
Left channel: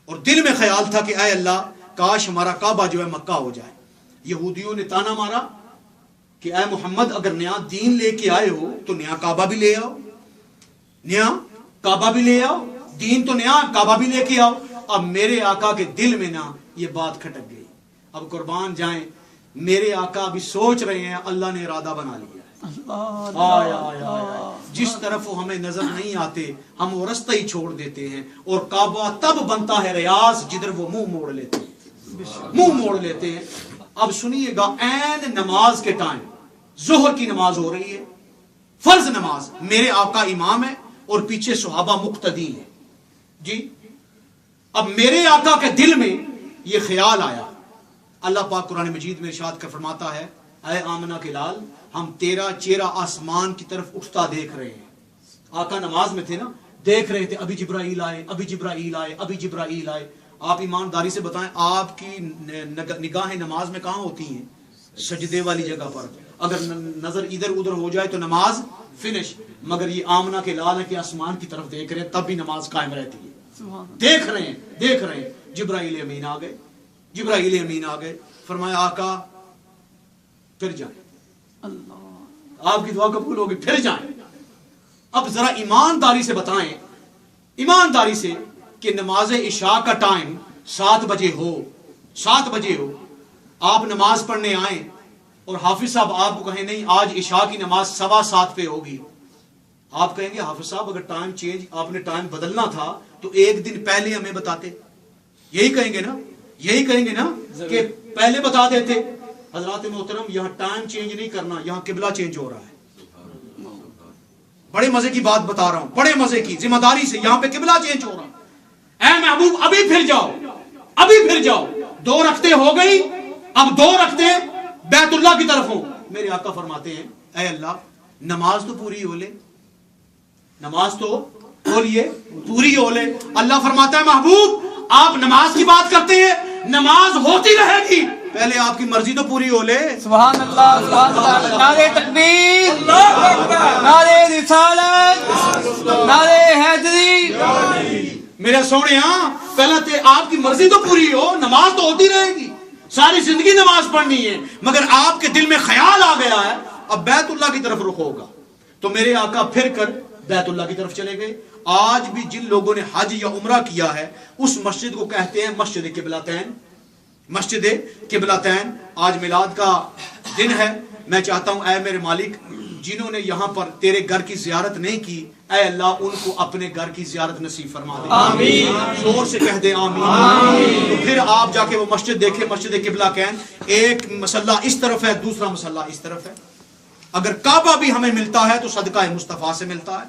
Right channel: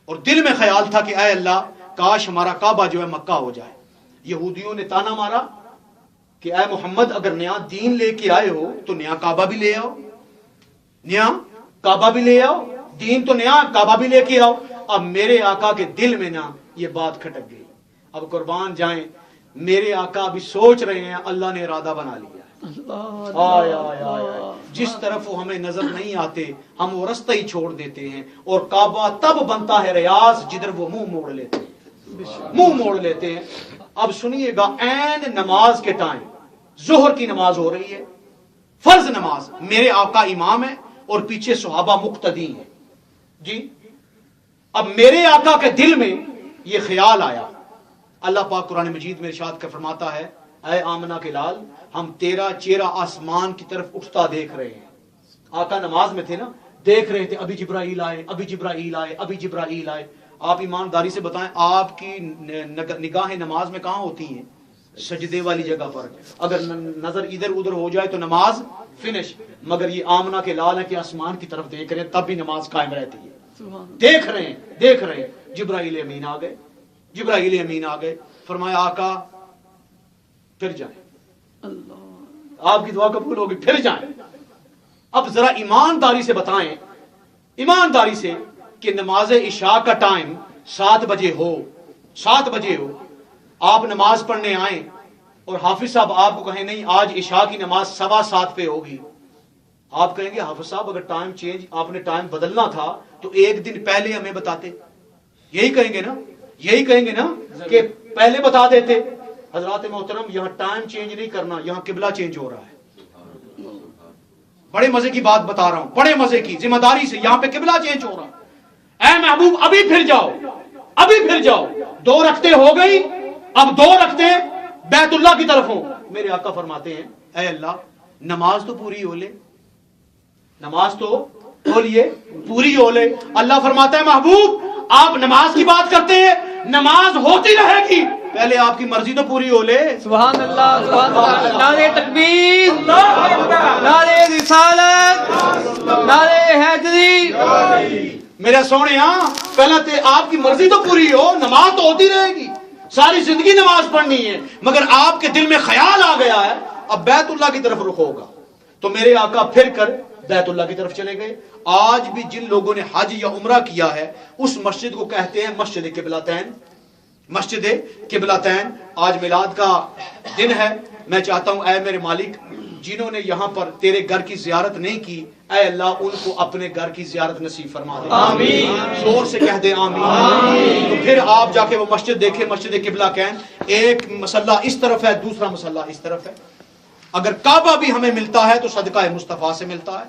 اور دل میں خیال تھا کہ اے اللہ کاش ہمارا کعبہ جو ہے مکہ ہو جائے. یہودیوں نے تانا مارا کہ اے محمد اگر نیا دین لے کے آئے ہو تو نیا کعبہ بھی لے آؤ, نیا کعبہ بھی لے آؤ, دین تو نیا, کعبہ بھی لے کے آؤ. اب میرے آقا کے دل میں نا یہ بات کھٹک گئی. اب قربان جائیں میرے آقا ابھی سوچ رہے ہیں اللہ نے ارادہ بنا لیا ہے. آیا آیا آیا. جس طرف وہ ہمیں نظر نہیں آتے ہم وہ رستہ ہی چھوڑ دیتے ہیں, اور کعبہ تب بنتا ہے ریاض جدھر وہ منہ موڑ لیتے ہیں, منہ موڑ لیتے ہیں. اب سنیے گا عین نماز کے ٹائم ظہر کی نماز ہو رہی ہے, فرض نماز, میرے آقا امام ہے اور پیچھے صحابہ مقتدی ہیں. جی اب میرے آقا کے دل میں یہ خیال آیا. اللہ پاک قرآن مجید میں ارشاد کر فرماتا ہے اے آمنہ کے لال ہم تیرا چہرہ آسمان کی طرف اٹھتا دیکھ رہے ہیں. آقا نماز میں تھے نا, دیکھ رہے تھے ابھی جبرائیل آئے, ابھی جبرائیل آئے, ابھی جبرائیل آئے. آپ ایمانداری سے بتائیں آپ کی نگاہیں نماز میں کہاں ہوتی ہیں؟ سجدے والی جگہ پر. اگر نظر ادھر ادھر ہو جائے تو نماز فنش. مگر یہ آمنہ کے لال ہے کہ آسمان کی طرف دیکھ رہے ہیں تب بھی نماز قائم رہتی ہے. دیکھ رہے ہیں, دیکھ رہے ہیں. جبرائیل امین آ گئے, جبرائیل امین آ گئے. فرمایا آقا پھر جائیں, آپ کی دعا قبول ہوگی, پھر جائیں. اب ذرا ایمانداری سے بتائیں، ایمانداری سے، کہ نماز عشاء کا ٹائم 7 بجے ہو، 7 بجے ہو، آپ نماز پڑھنے آئیں اور حافظ صاحب آپ کو کہیں نہیں آج عشاء کی نماز 7:15 پہ ہوگی، آپ کہیں گے حافظ صاحب اگر ٹائم چینج، آپ نے ٹائم بدلنا تھا تو ایک دن پہلے ہمیں بتاتے، یہی کہیں گے نا، یہی کہیں گے نا کہ پہلے بتا دیتے۔ حضرات محترم، یہاں ٹائم چینج نہیں کرنا، یہاں قبلہ چینج ہو رہا ہے۔ بڑے مزے کی بات بتا رہا ہوں، بڑے مزے کی، ذمہ داری سے، یہاں پہ قبلہ چینج ہو رہا ہے۔ اے محبوب ابھی پھر جاؤ، ابھی پھر جاؤ، 2 رکعتیں ہو گئی، اب 2 رکعتیں بیت اللہ کی طرف ہوں۔ میرے آقا فرماتے ہیں اے اللہ نماز تو پوری ہو لے، نماز تو بولیے پوری ہو لے۔ اللہ فرماتا ہے محبوب آپ نماز کی بات کرتے ہیں، نماز ہوتی رہے گی، پہلے آپ کی مرضی تو پوری ہو لے۔ سبحان اللہ، سبحان اللہ، نعرہ تکبیر، نعرہ رسالت، نعرہ حیدری۔ میرے سونے پہلے تے آپ کی مرضی تو پوری ہو، نماز تو ہوتی رہے گی، ساری زندگی نماز پڑھنی ہے، مگر آپ کے دل میں خیال آ گیا ہے اب بیت اللہ کی طرف رخ ہوگا، تو میرے آقا پھر کر بیت اللہ کی طرف چلے گئے۔ آج بھی جن لوگوں نے حج یا عمرہ کیا ہے اس مسجد کو کہتے ہیں مسجد قبلتین، مسجد قبلتین۔ آج میلاد کا دن ہے، میں چاہتا ہوں اے میرے مالک جنہوں نے یہاں پر تیرے گھر کی زیارت نہیں کی، اے اللہ ان کو اپنے گھر کی زیارت نصیب فرما دے، آمین، زور سے کہہ دیں آمین۔ پھر آپ جا کے وہ مسجد دیکھیں، مسجد قبلہ کہیں، ایک مسلح اس طرف ہے، دوسرا مسلح اس طرف ہے۔ اگر کعبہ بھی ہمیں ملتا ہے تو صدقہ مصطفیٰ سے ملتا ہے،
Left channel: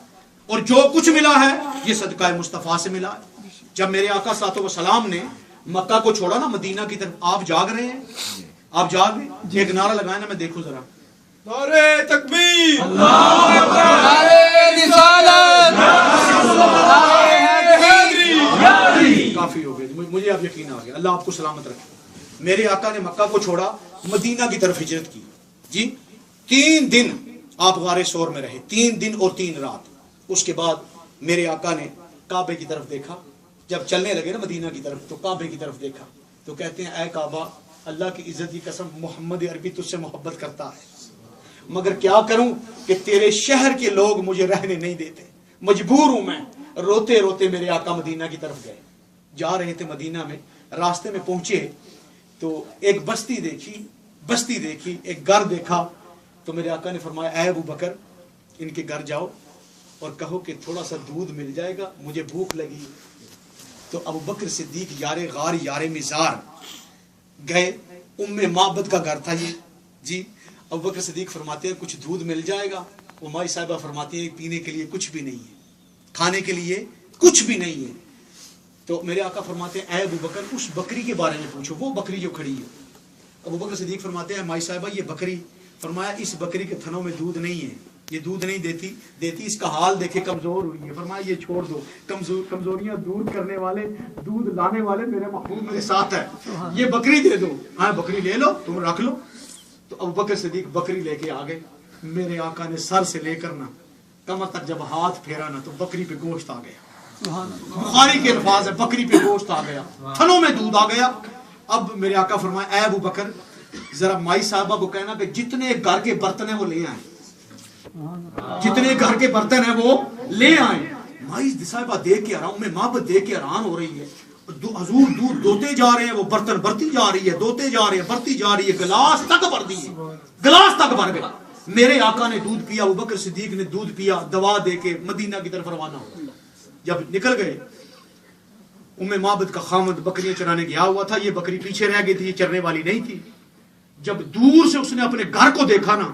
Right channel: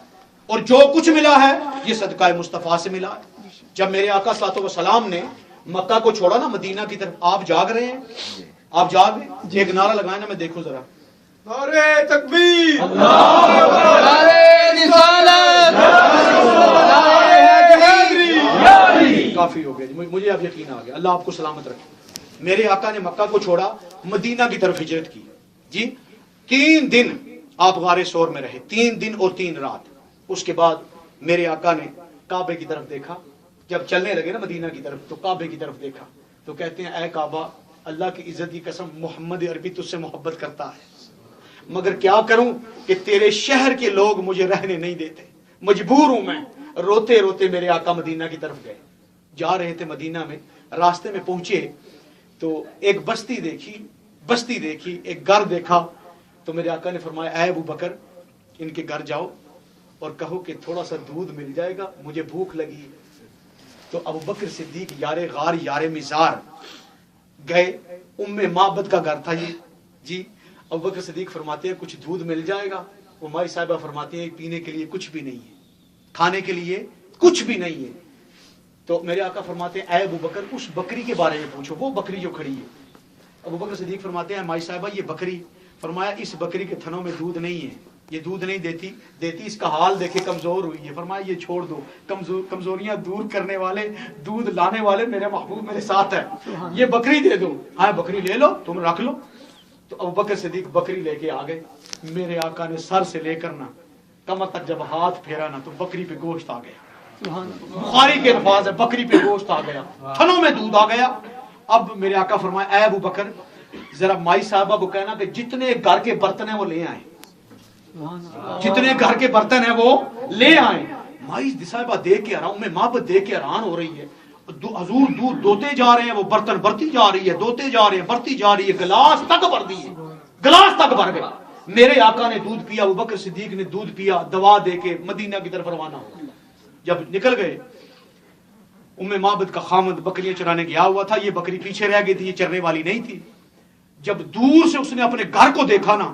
اور جو کچھ ملا ہے یہ صدقہ مصطفیٰ سے ملا ہے۔ جب میرے آقا صلی اللہ علیہ وسلم نے مکہ کو چھوڑا نا مدینہ کی طرف، آپ جاگ رہے ہیں، آپ جاگ رہے ہیں، ایک نعرہ لگائیں نا، میں دیکھوں ذرا، نعرہ تکبیر، نعرہ رسالت، نعرہ حیدری۔ کافی ہو گیا، مجھے اب یقین آ گیا، اللہ آپ کو سلامت رکھے۔ میرے آقا نے مکہ کو چھوڑا، مدینہ کی طرف ہجرت کی جی، 3 دن آپ غار ثور میں رہے، 3 دن اور 3 رات۔ اس کے بعد میرے آقا نے کعبے کی طرف دیکھا، جب چلنے لگے نا مدینہ کی طرف تو کعبے کی طرف دیکھا تو کہتے ہیں اے کعبہ اللہ کی عزت کی قسم محمد عربی تجھ سے محبت کرتا ہے، مگر کیا کروں کہ تیرے شہر کے لوگ مجھے رہنے نہیں دیتے، مجبور ہوں میں۔ روتے روتے میرے آقا مدینہ کی طرف گئے، جا رہے تھے مدینہ میں، راستے میں پہنچے تو ایک بستی دیکھی، ایک گھر دیکھا، تو میرے آقا نے فرمایا اے ابو بکر ان کے گھر جاؤ اور کہو کہ تھوڑا سا دودھ مل جائے گا، مجھے بھوک لگی۔ تو ابو بکر صدیق یار غار یار مزار گئے، معبد کا گھر تھا یہ جی۔ ابو بکر صدیق فرماتے ہیں کچھ دودھ مل جائے گا؟ وہ مائی صاحبہ فرماتی ہے پینے کے لیے کچھ بھی نہیں ہے، کھانے کے لیے کچھ بھی نہیں ہے۔ تو میرے آقا فرماتے ہیں اے ابو بکر اس بکری کے بارے میں پوچھو، وہ بکری جو کھڑی ہے۔ ابو بکر صدیق فرماتے ہیں مائی صاحبہ یہ بکری، فرمایا اس بکری کے تھنوں میں دودھ نہیں ہے، یہ دودھ نہیں دیتی، اس کا حال دیکھے کمزور ہوئی ہے، فرمایا یہ چھوڑ دو، کمزوریاں دور کرنے والے، دودھ لانے والے میرے محبوب میرے ساتھ ہے، یہ بکری دے دو، ہاں بکری لے لو تم رکھ لو۔ تو ابو بکر صدیق بکری لے کے آ گئے، میرے آقا نے سر سے لے کر نا کمر تک جب ہاتھ پھیرا نا تو بکری پہ گوشت آ گیا، بخاری کے الفاظ ہے بکری پہ گوشت آ گیا، تھنوں میں دودھ آ گیا۔ اب میرے آقا فرمایا اے ابو بکر ذرا مائی صاحبہ کو کہنا کہ جتنے گھر کے برتن ہیں وہ لے آئیں، جتنے گھر کے برتن ہیں وہ لے آئیں۔ مائی صاحبہ دیکھ کے حیران، محبت دیکھ کے حیران ہو رہی ہے، حضور دودھ دوتے جا رہے ہیں، وہ برتن برتی جا رہی ہے، دوتے جا رہے ہیں، برتی جا رہی ہے، گلاس تک بھر دیے، گلاس تک بھر گیا۔ میرے آقا نے دودھ پیا، ابو بکر صدیق نے دودھ پیا، دوا دے کے مدینہ کی طرف روانہ ہو۔ جب نکل گئے، معبد کا خامد بکریاں چرانے گیا ہوا تھا، یہ بکری پیچھے رہ گئی تھی، یہ چرنے والی نہیں تھی۔ جب دور سے اس نے اپنے گھر کو دیکھا نا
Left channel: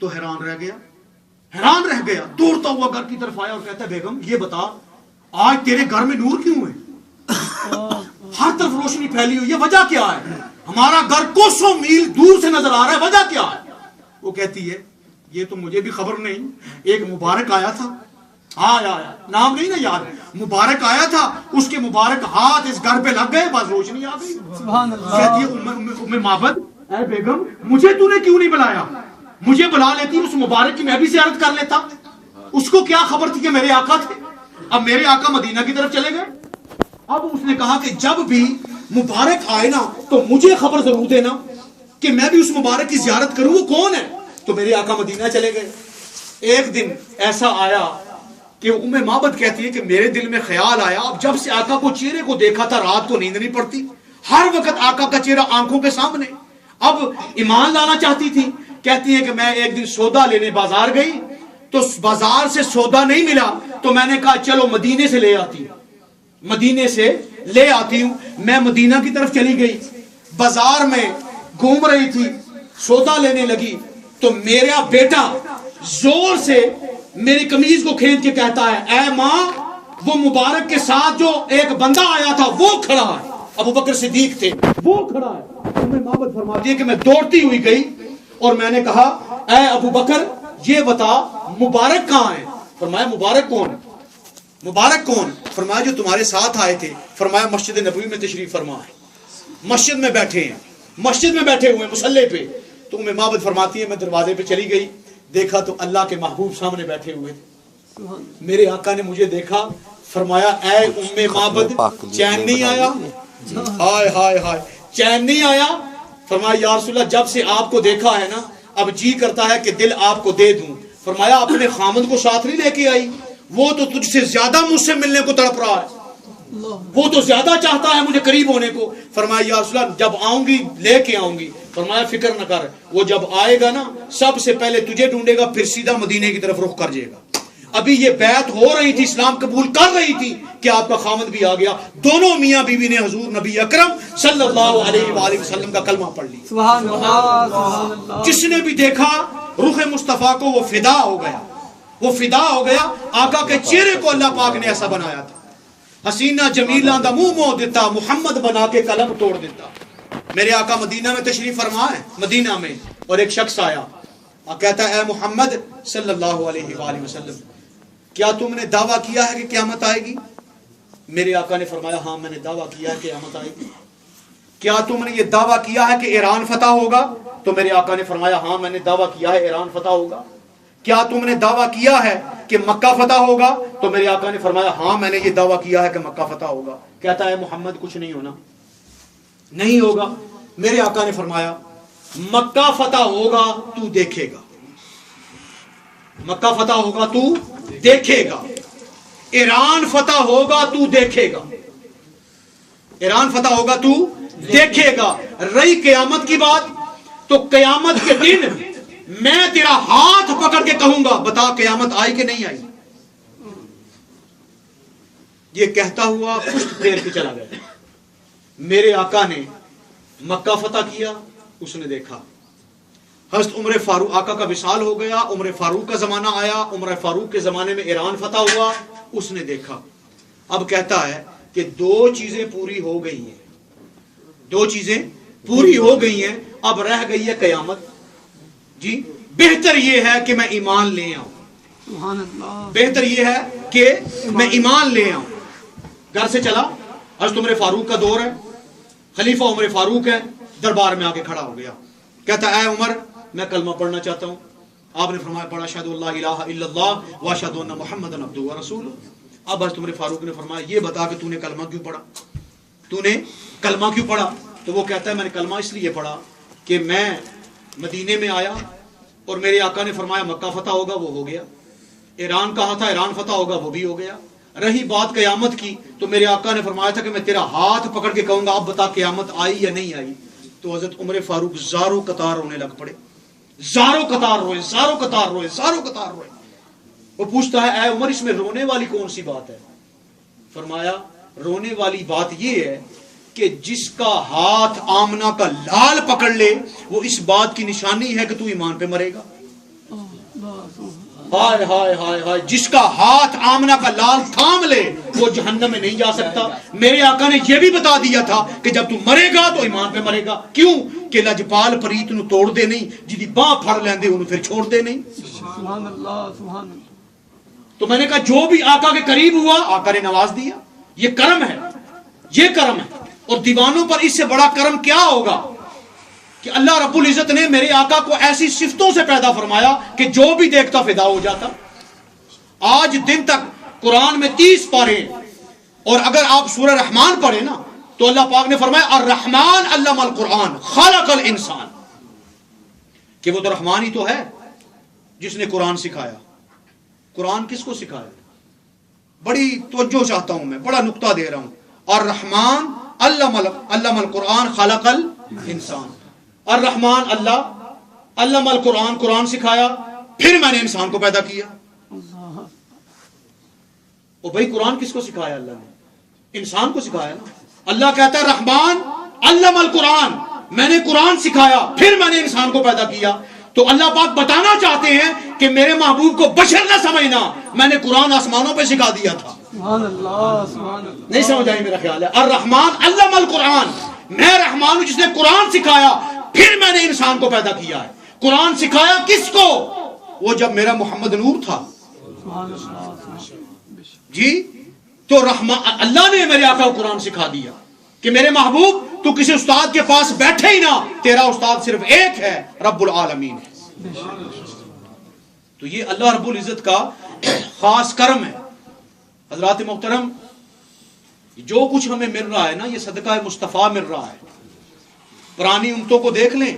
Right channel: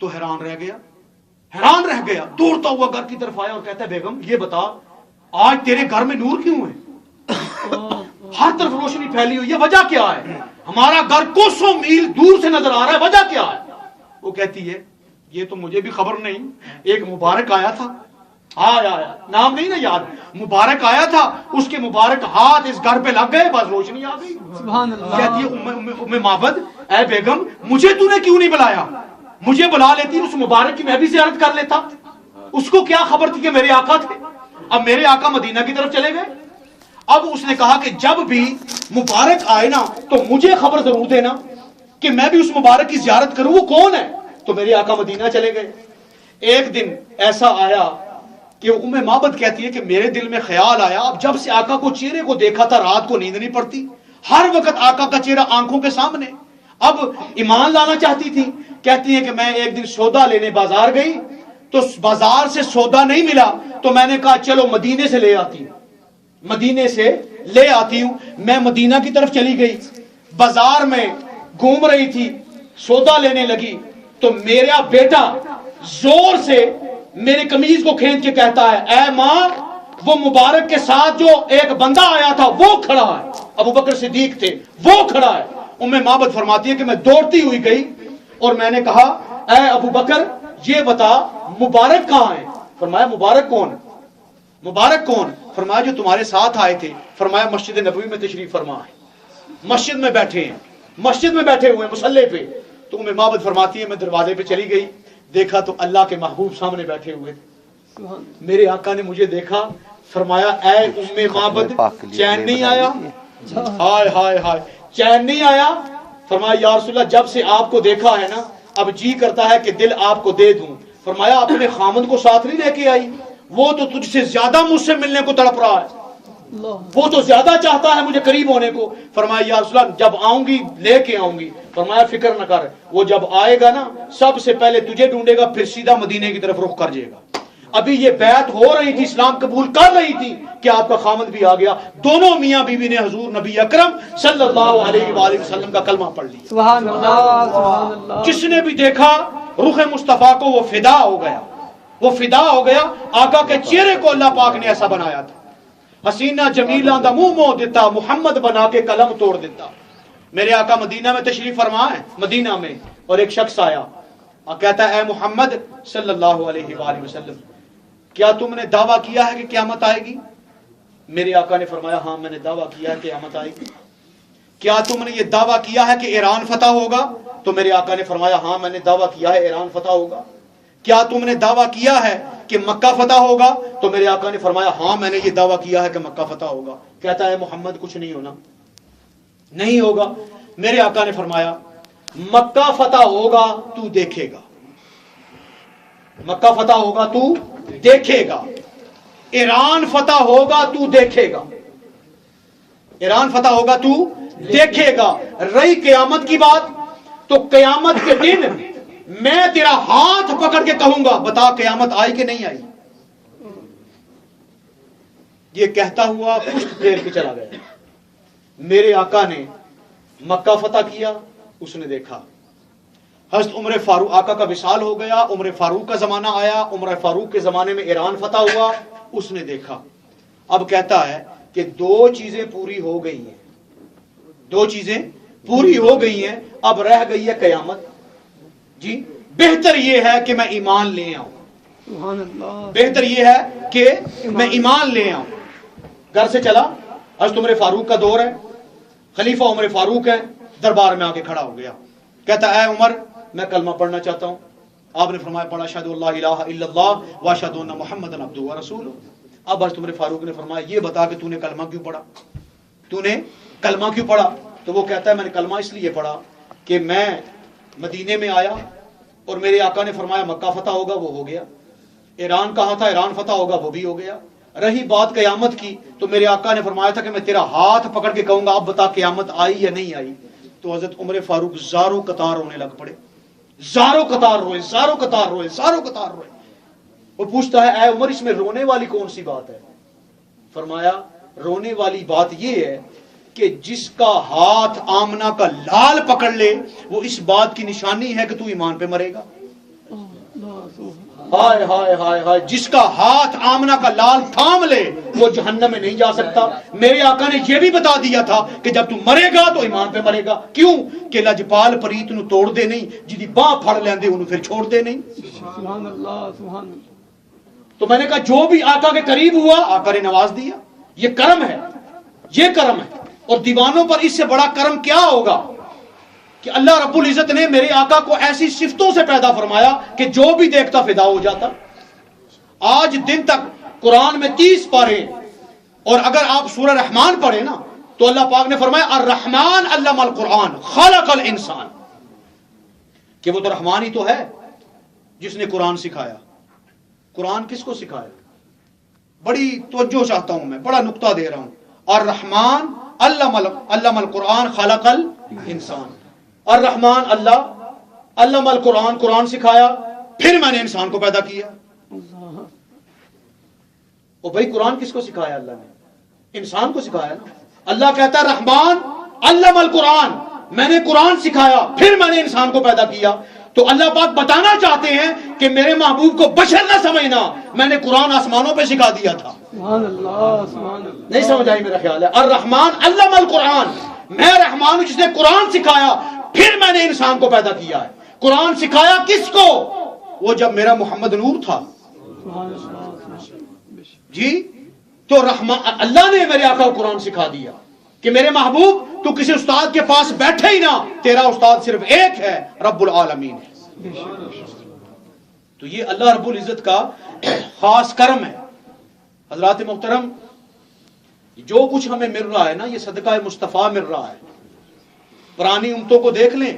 تو حیران رہ گیا، دوڑتا ہوا گھر کی طرف آیا اور کہتا ہے بیگم یہ بتا آج تیرے گھر میں نور کیوں ہے؟ ہر طرف روشنی پھیلی ہوئی ہے، وجہ کیا ہے؟ ہمارا گھر کوسوں میل دور سے نظر آ رہا ہے، وجہ کیا ہے؟ وہ کہتی ہے یہ تو مجھے بھی خبر نہیں، ایک مبارک آیا تھا، آیا نام نہیں نا یاد، مبارک آیا تھا، اس کے مبارک ہاتھ اس گھر پہ لگ گئے، بس روشنی آ گئی۔ کہتی ہے معبد اے بیگم مجھے تو نے کیوں نہیں بلایا؟ مجھے بلا لیتی اس مبارک کی میں بھی زیارت کر لیتا، اس کو کیا خبر تھی کہ میرے آقا تھے؟ اب میرے آقا مدینہ کی طرف چلے گئے، اب اس نے کہا کہ جب بھی مبارک آئے نا تو مجھے خبر ضرور دینا کہ میں بھی اس مبارک کی زیارت کروں، وہ کون ہے؟ تو میرے آقا مدینہ چلے گئے، ایک دن ایسا آیا کہ ام معبد کہتی ہے کہ میرے دل میں خیال آیا، اب جب سے آقا کو چہرے کو دیکھا تھا رات کو نیند نہیں پڑتی، ہر وقت آقا کا چہرہ آنکھوں کے سامنے، اب ایمان لانا چاہتی تھی۔ کہتی ہے کہ میں ایک دن سودا لینے بازار گئی تو بازار سے سودا نہیں ملا تو میں نے کہا چلو مدینے سے لے آتی ہوں، مدینے سے لے آتی ہوں۔ میں مدینہ کی طرف چلی گئی، بازار میں گھوم رہی تھی، سودا لینے لگی تو میرا بیٹا زور سے میری قمیض کو کھینچ کے کہتا ہے اے ماں وہ مبارک کے ساتھ جو ایک بندہ آیا تھا وہ کھڑا ہے، ابو بکر صدیق تھے، وہ کھڑا ہے۔ ام معبد فرماتی ہے کہ میں دوڑتی ہوئی گئی اور میں نے کہا اے ابو بکر یہ بتا مبارک کہاں ہے؟ فرمایا مبارک کون؟ مبارک کون؟ فرمایا جو تمہارے ساتھ آئے تھے۔ فرمایا مسجد نبوی میں تشریف فرما ہے، مسجد میں بیٹھے ہیں، مسجد میں بیٹھے ہوئے مصلی پہ۔ تو ام معبد فرماتی ہے میں دروازے پہ چلی گئی، دیکھا تو اللہ کے محبوب سامنے بیٹھے ہوئے تھے۔ میرے آقا نے مجھے دیکھا، فرمایا اے ام معبد چین نہیں آیا؟ ہائے ہائے ہائے، چین نہیں آیا؟ فرمایا یا رسول اللہ جب سے آپ کو دیکھا ہے نا اب جی کرتا ہے کہ دل آپ کو دے دوں۔ فرمایا اپنے خامد کو ساتھ نہیں لے کے آئی؟ وہ تو تجھ سے زیادہ مجھ سے ملنے کو تڑپ رہا ہے، وہ تو زیادہ چاہتا ہے مجھے قریب ہونے کو۔ فرمایا یا رسول اللہ جب آؤں گی لے کے آؤں گی۔ فرمایا فکر نہ کر، وہ جب آئے گا نا سب سے پہلے تجھے ڈھونڈے گا پھر سیدھا مدینے کی طرف رخ کر جائے گا۔ ابھی یہ بیعت ہو رہی تھی، اسلام قبول کر رہی تھی کہ آپ کا خامد بھی آ گیا۔ دونوں میاں بیوی نے حضور نبی اکرم صلی اللہ علیہ وآلہ وسلم کا کلمہ پڑھ لی۔ سبحان اللہ سبحان اللہ۔ جس نے بھی دیکھا رخ مصطفیٰ کو وہ فدا ہو گیا، وہ فدا ہو گیا۔ آقا کے چہرے کو اللہ پاک نے ایسا بنایا تھا، حسینہ جمیلہ دا منہ مو دیتا، محمد بنا کے قلم توڑ دیتا۔ میرے آقا مدینہ میں تشریف فرما ہے، مدینہ میں، اور ایک شخص آیا اور کہتا ہے اے محمد صلی اللہ علیہ وآلہ وسلم کیا تم نے دعویٰ کیا ہے کہ قیامت آئے گی؟ میرے آقا نے فرمایا ہاں میں نے دعویٰ کیا ہے کہ قیامت آئے گی۔ کیا تم نے یہ دعویٰ کیا ہے کہ ایران فتح ہوگا؟ تو میرے آقا نے فرمایا ہاں میں نے دعویٰ کیا ہے ایران فتح ہوگا۔ کیا تم نے دعویٰ کیا ہے کہ مکہ فتح ہوگا؟ تو میرے آقا نے فرمایا ہاں میں نے یہ دعویٰ کیا ہے کہ مکہ فتح ہوگا۔ کہتا ہے محمد کچھ نہیں ہونا، نہیں ہوگا۔ میرے آقا نے فرمایا مکہ فتح ہوگا تو دیکھے گا، مکہ فتح ہوگا تو دیکھے گا، ایران فتح ہوگا تو دیکھے گا، ایران فتح ہوگا تو دیکھے گا۔ رہی قیامت کی بات تو قیامت کے دن میں تیرا ہاتھ پکڑ کے کہوں گا بتا قیامت آئی کہ نہیں آئی۔ یہ کہتا ہوا کچھ دیر بھی چلا گیا۔ میرے آقا نے مکہ فتح کیا، اس نے دیکھا۔ حضرت عمر فاروق آقا کا وصال ہو گیا، عمر فاروق کا زمانہ آیا، عمر فاروق کے زمانے میں ایران فتح ہوا، اس نے دیکھا۔ اب کہتا ہے کہ دو چیزیں پوری ہو گئی ہیں، دو چیزیں پوری ہو گئی ہیں، اب رہ گئی ہے قیامت۔ جی بہتر یہ ہے کہ میں ایمان لے آؤں، سبحان اللہ۔ بہتر یہ ہے کہ میں ایمان لے آؤں۔ گھر سے چلا، حضرت عمر فاروق کا دور ہے، خلیفہ عمر فاروق ہے، دربار میں آ کے کھڑا ہو گیا۔ کہتا ہے اے عمر میں کلمہ پڑھنا چاہتا ہوں۔ آپ نے فرمایا پڑھا اشہد ان لا الہ الا اللہ واشہد ان محمد عبدہ ورسولہ۔ اب حضرت عمر فاروق نے فرمایا یہ بتا کہ تو نے کلمہ کیوں پڑھا، تو نے کلمہ کیوں پڑھا؟ تو وہ کہتا ہے میں نے کلمہ اس لیے پڑھا کہ میں مدینے میں آیا اور میرے آقا نے فرمایا مکہ فتح ہوگا، وہ ہو گیا۔ ایران کہا تھا ایران فتح ہوگا، وہ بھی ہو گیا۔ رہی بات قیامت کی تو میرے آقا نے فرمایا تھا کہ میں تیرا ہاتھ پکڑ کے کہوں گا اب بتا قیامت آئی یا نہیں آئی۔ تو حضرت عمر فاروق زاروں قطار رونے لگ پڑے، زاروں قطار روئے، زاروں قطار روئے، زاروں قطار روئے۔ وہ پوچھتا ہے اے عمر اس میں رونے والی کون سی بات ہے؟ فرمایا رونے والی بات یہ ہے کہ جس کا ہاتھ آمنہ کا لال پکڑ لے وہ اس بات کی نشانی ہے کہ تو ایمان پہ مرے گا۔ ہائے ہائے ہائے ہائے، جس کا ہاتھ آمنہ کا لال تھام لے وہ جہنم میں نہیں جا سکتا۔ میرے آقا نے یہ بھی بتا دیا تھا کہ جب تو مرے گا تو ایمان پہ مرے گا۔ کیوں کہ لجپال پریت نو توڑ دے نہیں، جدی باں پھڑ لیندے انہوں پھر چھوڑ دے نہیں۔ سبحان اللہ سبحان اللہ۔ تو میں نے کہا جو بھی آقا کے قریب ہوا آقا نے نواز دیا، یہ کرم ہے، یہ کرم ہے۔ اور دیوانوں پر اس سے بڑا کرم کیا ہوگا کہ اللہ رب العزت نے میرے آقا کو ایسی صفتوں سے پیدا فرمایا کہ جو بھی دیکھتا فدا ہو جاتا۔ آج دن تک قرآن میں 30 پارے، اور اگر آپ سورہ رحمان پڑھیں نا تو اللہ پاک نے فرمایا الرحمن علم القرآن خلق الانسان، کہ وہ تو رحمان ہی تو ہے جس نے قرآن سکھایا۔ قرآن کس کو سکھایا؟ بڑی توجہ چاہتا ہوں میں، بڑا نقطہ دے رہا ہوں. الرحمن علم القرآن خلق الانسان. الرحمن اللہ علم القرآن، قرآن سکھایا، پھر میں نے انسان کو پیدا کیا. او بھائی قرآن کس کو سکھایا؟ اللہ نے انسان کو سکھایا نا. اللہ کہتا ہے رحمان علم القرآن، میں نے قرآن سکھایا پھر میں نے انسان کو پیدا کیا. تو اللہ پاک بتانا چاہتے ہیں کہ میرے محبوب کو بشر نہ سمجھنا، میں نے قرآن آسمانوں پہ سکھا دیا تھا. سبحان اللہ سبحان اللہ. نہیں سمجھ آئی میرا خیال ہے؟ الرحمن علم القرآن، میں رحمان ہوں جس نے قرآن سکھایا پھر میں نے انسان کو پیدا کیا ہے. قرآن سکھایا کس کو؟ وہ جب میرا محمد نور تھا. سبحان اللہ. جی تو اللہ نے میرے آقا کو قرآن سکھا دیا کہ میرے محبوب تو کسی استاد کے پاس بیٹھے ہی نہ، تیرا استاد صرف ایک ہے، رب العالمین ہے. تو یہ اللہ رب العزت کا خاص کرم ہے. حضرات محترم، جو کچھ ہمیں مل رہا ہے نا، یہ صدقہ مصطفیٰ مل رہا ہے. پرانی امتوں کو دیکھ لیں،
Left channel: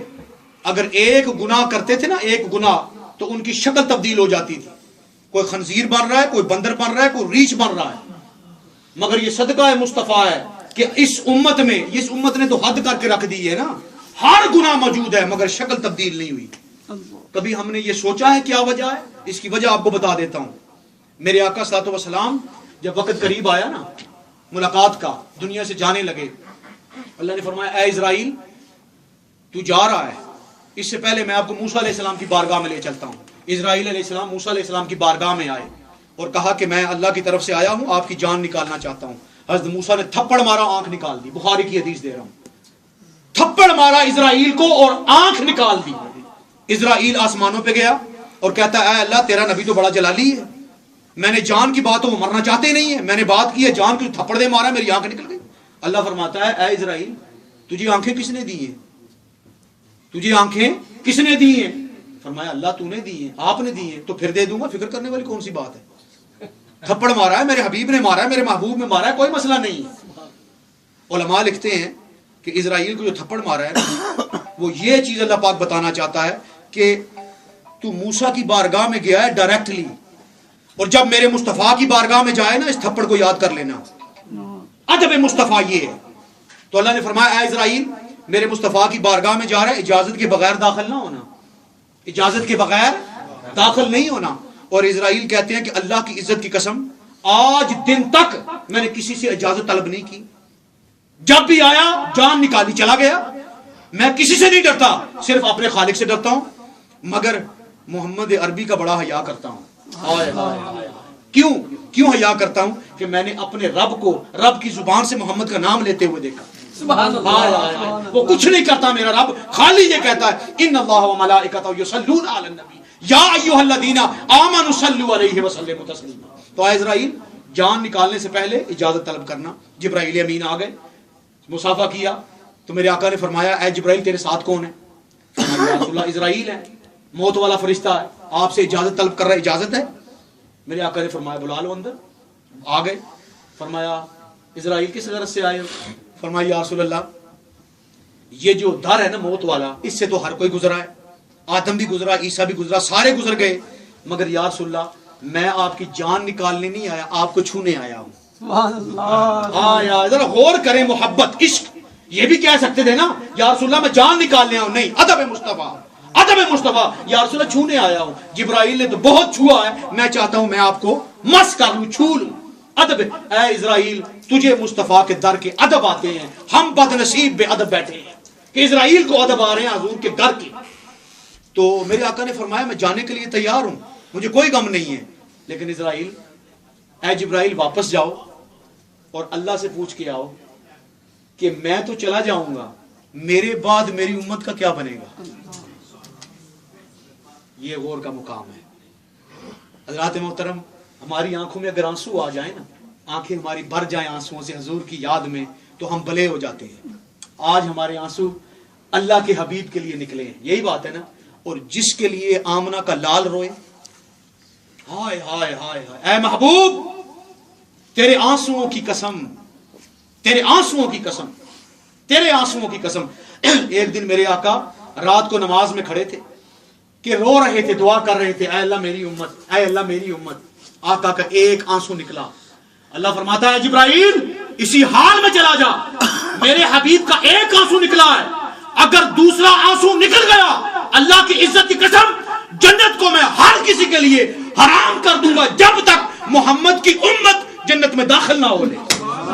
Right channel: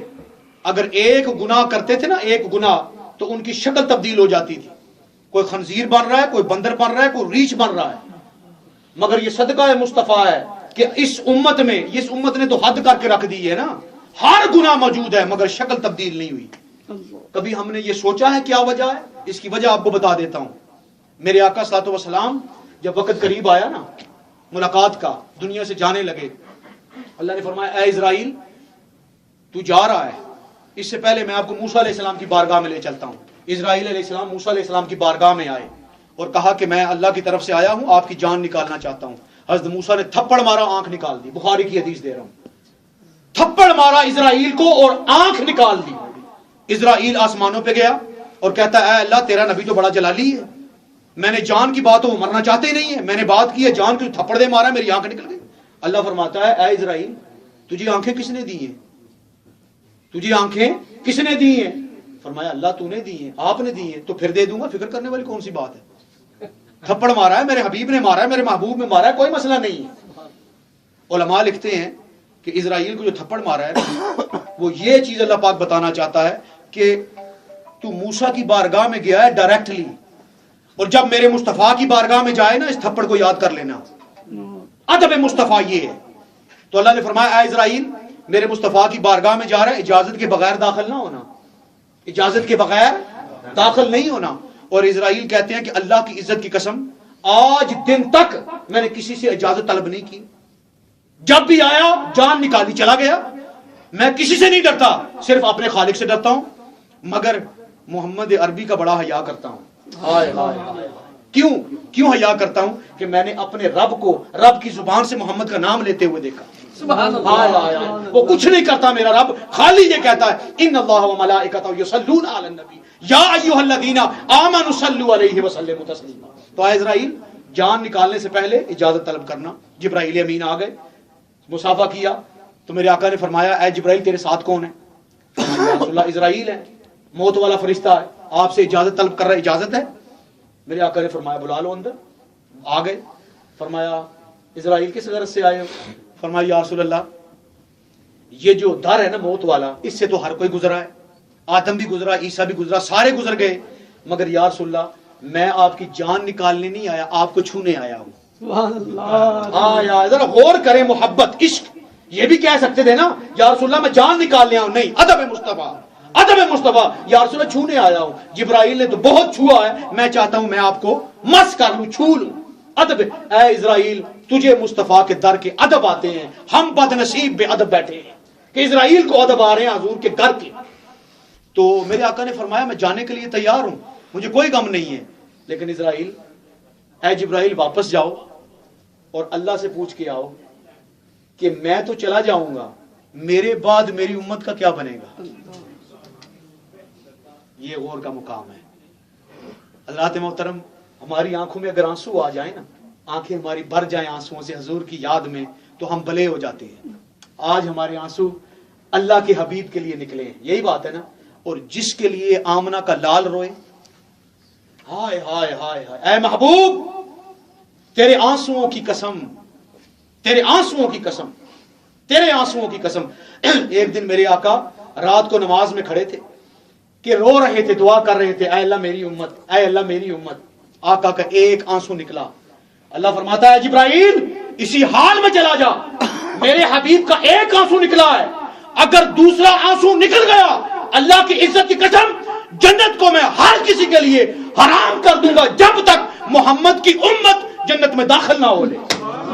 اگر ایک گناہ کرتے تھے نا، ایک گناہ، تو ان کی شکل تبدیل ہو جاتی تھی. کوئی خنزیر بن رہا ہے، کوئی بندر بن رہا ہے، کوئی ریچھ بن رہا ہے. مگر یہ صدقہ مصطفیٰ ہے کہ اس امت نے تو حد کر کے رکھ دی ہے نا، ہر گناہ موجود ہے مگر شکل تبدیل نہیں ہوئی. کبھی ہم نے یہ سوچا ہے کیا وجہ ہے؟ اس کی وجہ آپ کو بتا دیتا ہوں. میرے آقا صلی اللہ علیہ وسلم جب وقت قریب آیا نا ملاقات کا، دنیا سے جانے لگے، اللہ نے فرمایا اے اسرائیل تو جا رہا ہے، اس سے پہلے میں آپ کو موسیٰ علیہ السلام کی بارگاہ میں لے چلتا ہوں. اسرائیل علیہ السلام موسیٰ علیہ السلام کی بارگاہ میں آئے اور کہا کہ میں اللہ کی طرف سے آیا ہوں، آپ کی جان نکالنا چاہتا ہوں. حضرت موسیٰ نے تھپڑ مارا، آنکھ نکال دی. بخاری کی حدیث دے رہا ہوں. تھپڑ مارا اسرائیل کو اور آنکھ نکال دی. اسرائیل آسمانوں پہ گیا اور کہتا ہے اے اللہ تیرا نبی تو بڑا جلالی ہے، میں نے جان کی بات، وہ مرنا چاہتے ہی نہیں ہے، میں نے بات کی ہے جان کو تھپڑ دے مارا، میری آنکھ نکل گئی. اللہ فرماتا ہے اے اسرائیل تجھے آنکھیں کس نے دی ہیں؟ تجھے آنکھیں کس نے دی ہیں؟ فرمایا اللہ تو نے دی ہیں، آپ نے دی ہیں، تو پھر دے دوں گا، فکر کرنے والی کون سی بات ہے؟ تھپڑ مارا ہے، میرے حبیب نے مارا ہے، میرے محبوب نے مارا ہے، کوئی مسئلہ نہیں ہے. علماء لکھتے ہیں کہ اسرائیل کو جو تھپڑ مارا ہے نا، وہ یہ چیز اللہ پاک بتانا چاہتا ہے کہ تو موسیٰ کی بارگاہ میں گیا ہے ڈائریکٹلی، اور جب میرے مصطفیٰ کی بارگاہ میں جائے نا اس تھپڑ کو یاد کر لینا. ادب مصطفیٰ یہ ہے. تو اللہ نے فرمایا اے اسرائیل میرے مصطفیٰ کی بارگاہ میں جا رہا ہے، اجازت کے بغیر داخل نہ ہونا، اجازت کے بغیر داخل نہیں ہونا. اور اسرائیل کہتے ہیں کہ اللہ کی عزت کی قسم آج دن تک میں نے کسی سے اجازت طلب نہیں کی، جب بھی آیا جان نکالی چلا گیا. میں کسی سے نہیں ڈرتا، صرف اپنے خالق سے ڈرتا ہوں. مگر محمد عربی کا بڑا حیا کرتا ہوں. کیوں حیا کرتا ہوں؟ کہ میں نے اپنے رب کو رب کی زبان سے محمد کا نام لیتے ہوئے دیکھا. وہ کچھ نہیں کرتا میرا رب، خالی یہ کہتا ہے ان اللہ و ملائکتہ یصلون علی النبی یا ایھا الذین آمنوا صلوا علیہ وسلموا تسلیما. تو اے اسرائیل جان نکالنے سے پہلے اجازت طلب کرنا. جبرائیل امین آ گئے، مصافحہ کیا. تو میرے آقا نے فرمایا اے جبرائیل تیرے ساتھ کون ہے؟ فرمایا یا رسول اللہ اسرائیل ہے، موت والا فرشتہ ہے، آپ سے اجازت طلب کر رہا ہے، اجازت ہے؟ میرے آقا نے فرمایا بلا لو اندر. آ گئے. فرمایا اسرائیل کس غرض سے آئے ہو؟ فرمایا یا رسول اللہ یہ جو در ہے نا موت والا، اس سے تو ہر کوئی گزرا ہے، آدم بھی گزرا، عیسیٰ بھی گزرا، سارے گزر گئے، مگر یا رسول اللہ میں آپ کی جان نکالنے نہیں آیا، آپ کو چھونے آیا ہوں. سبحان اللہ. ذرا غور کریں، محبت عشق یہ بھی کہہ سکتے تھے نا یا رسول اللہ میں جان نکال لیا ہوں. نہیں، ادب مصطفیٰ، ادب مصطفیٰ. یا رسول اللہ چھونے آیا ہوں. جبرائیل نے تو بہت چھوا ہے، میں چاہتا ہوں میں آپ کو مس کر لوں، چھو لوں. ادب. اے اسرائیل تجھے مصطفیٰ کے در کے ادب آتے ہیں، ہم بد نصیب بے ادب بیٹھے ہیں کہ اسرائیل کو ادب آ رہے ہیں حضور کے گھر کے. تو میرے آقا نے فرمایا میں جانے کے لیے تیار ہوں، مجھے کوئی غم نہیں ہے، لیکن اسرائیل اے جبرائیل واپس جاؤ اور اللہ سے پوچھ کے آؤ کہ میں تو چلا جاؤں گا، میرے بعد میری امت کا کیا بنے گا. یہ غور کا مقام ہے. حضرات محترم، ہماری آنکھوں میں اگر آنسو آ جائیں نا، آنکھیں ہماری بھر جائیں آنسوؤں سے حضور کی یاد میں، تو ہم بھلے ہو جاتے ہیں. آج ہمارے آنسو اللہ کے حبیب کے لیے نکلے ہیں، یہی بات ہے نا. اور جس کے لیے آمنہ کا لال روئے، ہائے ہائے ہائے ہائے اے محبوب تیرے آنسوؤں کی قسم، تیرے آنسوؤں کی قسم، تیرے آنسوؤں کی قسم. ایک دن میرے آقا رات کو نماز میں کھڑے تھے کہ رو رہے تھے، دعا کر رہے تھے اے اللہ میری امت، اے اللہ میری امت. آقا کا ایک آنسو نکلا. اللہ فرماتا ہے جبرائیل اسی حال میں چلا جا, میرے حبیب کا ایک آنسو نکلا ہے, اگر دوسرا آنسو نکل گیا اللہ کی عزت کی قسم جنت کو میں ہر کسی کے لیے حرام کر دوں گا جب تک محمد کی امت جنت میں داخل نہ ہو لے.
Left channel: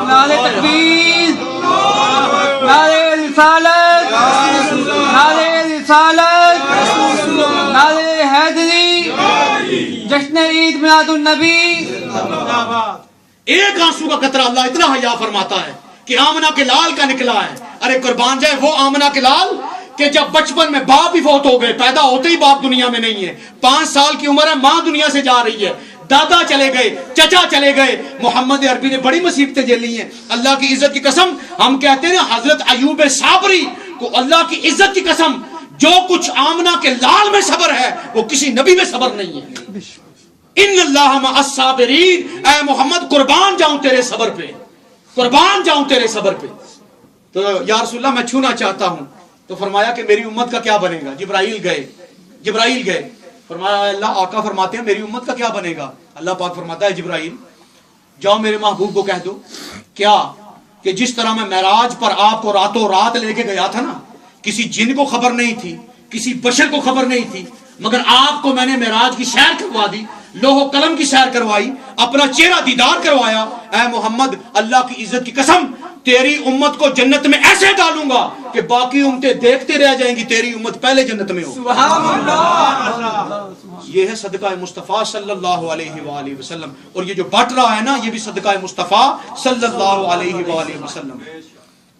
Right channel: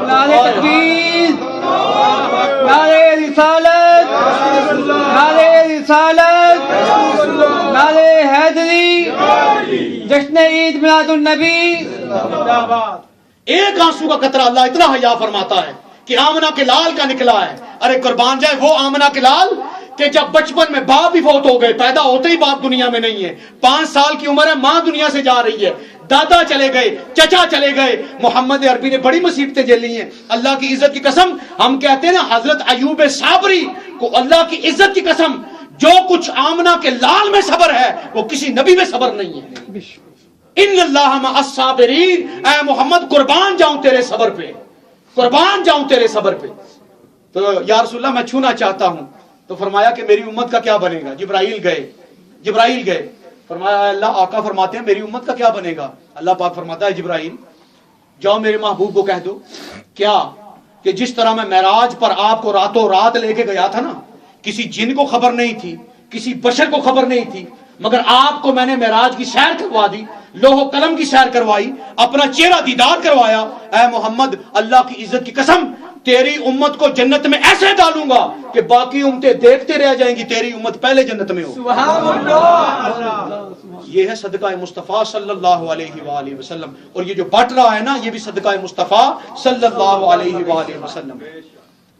نعرہ تکبیر, نعرہ رسالت, نعرہ رسالت, نعرہ حیدری, جشن عید میلاد النبی. ایک آنسو کا قطرہ اللہ اتنا حیا فرماتا ہے کہ آمنہ کے لال کا نکلا ہے. ارے قربان جائے وہ آمنہ کے لال کہ جب بچپن میں باپ ہی فوت ہو گئے, پیدا ہوتے ہی باپ دنیا میں نہیں ہے, 5 سال کی عمر ہے ماں دنیا سے جا رہی ہے, دادا چلے گئے, چچا چلے گئے. محمد عربی نے بڑی مصیبتیں جھیلی ہیں. اللہ کی عزت کی قسم ہم کہتے ہیں نا حضرت ایوب صابری کو اللہ کی عزت کی قسم جو کچھ آمنہ کے لال میں صبر ہے وہ کسی نبی میں صبر نہیں ہے. ان اللہ مع الصابرین, اے محمد قربان جاؤں تیرے صبر پہ, قربان جاؤں تیرے صبر پہ. تو یا رسول اللہ میں چھونا چاہتا ہوں. تو فرمایا کہ میری امت کا کیا بنے گا. جبرائیل گئے فرمایا اللہ آقا فرماتے ہیں میری امت کا کیا بنے گا. اللہ پاک فرماتا ہے جبرائیل جاؤ میرے محبوب کو کہہ دو کیا کہ جس طرح میں معراج پر آپ کو راتوں رات لے کے گیا تھا نا, کسی جن کو خبر نہیں تھی, کسی بشر کو خبر نہیں تھی, مگر آپ کو میں نے معراج کی سیر کروا دی, لوح و قلم کی سیر کروائی, اپنا چہرہ دیدار کروایا. اے محمد اللہ کی عزت کی قسم تیری امت کو جنت میں ایسے ڈالوں گا کہ باقی امتیں دیکھتے رہ جائیں گی, تیری امت پہلے جنت میں ہو. یہ ہے صدقہ مصطفیٰ صلی اللہ علیہ وآلہ وسلم. اور یہ جو بٹ رہا ہے نا یہ بھی صدقہ مصطفیٰ صلی اللہ علیہ وآلہ وسلم.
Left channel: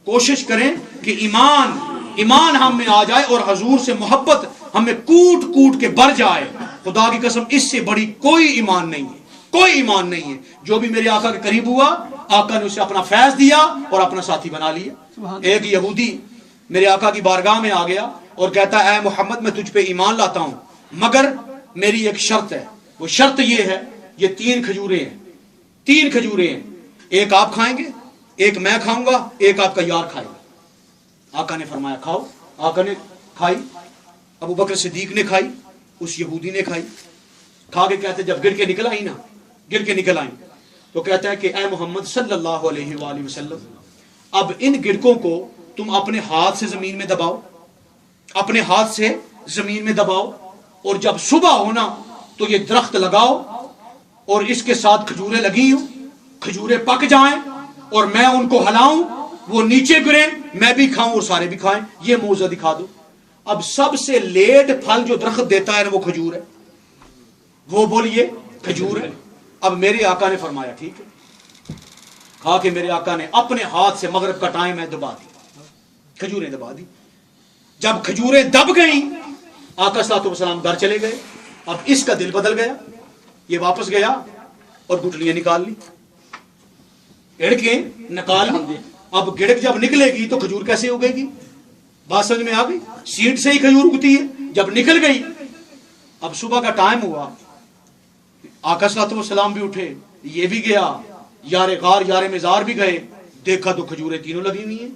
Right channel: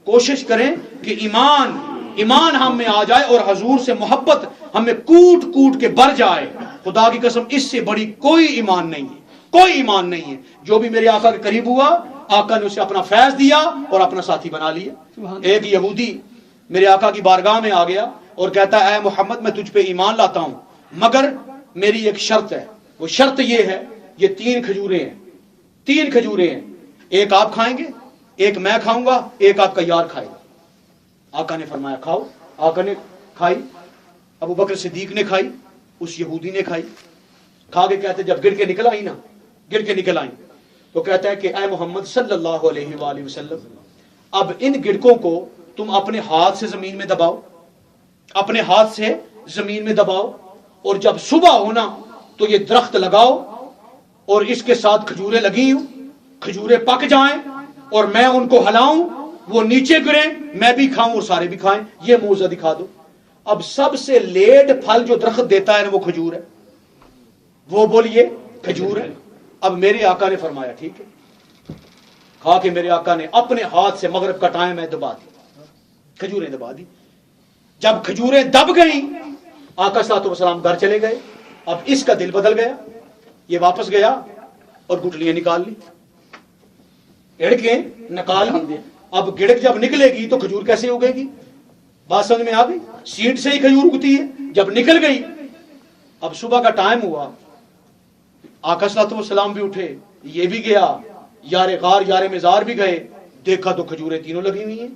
کوشش کریں کہ ایمان ہم میں آ جائے اور حضور سے محبت ہمیں کوٹ کوٹ کے بھر جائے. خدا کی قسم اس سے بڑی کوئی ایمان نہیں ہے, کوئی ایمان نہیں ہے. جو بھی میرے آقا کے قریب ہوا آقا نے اسے اپنا فیض دیا اور اپنا ساتھی بنا لیا. ایک یہودی میرے آقا کی بارگاہ میں آ گیا اور کہتا ہے اے محمد میں تجھ پہ ایمان لاتا ہوں مگر میری ایک شرط ہے. وہ شرط یہ ہے, یہ 3 کھجوریں ہیں, ایک آپ کھائیں گے, ایک میں کھاؤں گا, ایک آپ کا یار کھائے گا. آقا نے فرمایا کھاؤ. آقا نے کھائی, ابو بکر صدیق نے کھائی, اس یہودی نے کھائی. کھا کے کہتے جب گر کے نکل آئی تو کہتا ہے کہ اے محمد صلی اللہ علیہ وآلہ وسلم اب ان گرکوں کو تم اپنے ہاتھ سے زمین میں دباؤ, اپنے ہاتھ سے زمین میں دباؤ, اور جب صبح ہونا تو یہ درخت لگاؤ اور اس کے ساتھ کھجوریں لگی ہوں, کھجوریں پک جائیں اور میں ان کو ہلاؤں, وہ نیچے گرے, میں بھی کھاؤں اور سارے بھی کھائیں. یہ موزہ دکھا دو. اب سب سے لیٹ پھل جو درخت دیتا ہے نا وہ کھجور ہے. وہ بولیے کھجور ہے. اب میرے آقا نے فرمایا ٹھیک ہے. کھا کے میرے آقا نے اپنے ہاتھ سے مغرب کا ٹائم ہے دبا دی, کھجوریں دبا دی. جب کھجوریں دب گئیں آقا صلی اللہ علیہ وسلم گھر چلے گئے. اب اس کا دل بدل گیا, یہ واپس گیا اور گٹلیاں نکال لی, گڑکیں نکال لی. اب گڑک جب نکلے گی تو کھجور کیسے اگے گی؟ بات سمجھ میں آ گئی؟ سیڈ سے ہی کھجور اگتی ہے. جب نکل گئی اب صبح کا ٹائم ہوا, آقا صلی اللہ علیہ وسلم بھی اٹھے, یہ بھی گیا, یار غار یار مزار بھی گئے. دیکھا تو کھجوریں تینوں لگی ہوئی ہیں,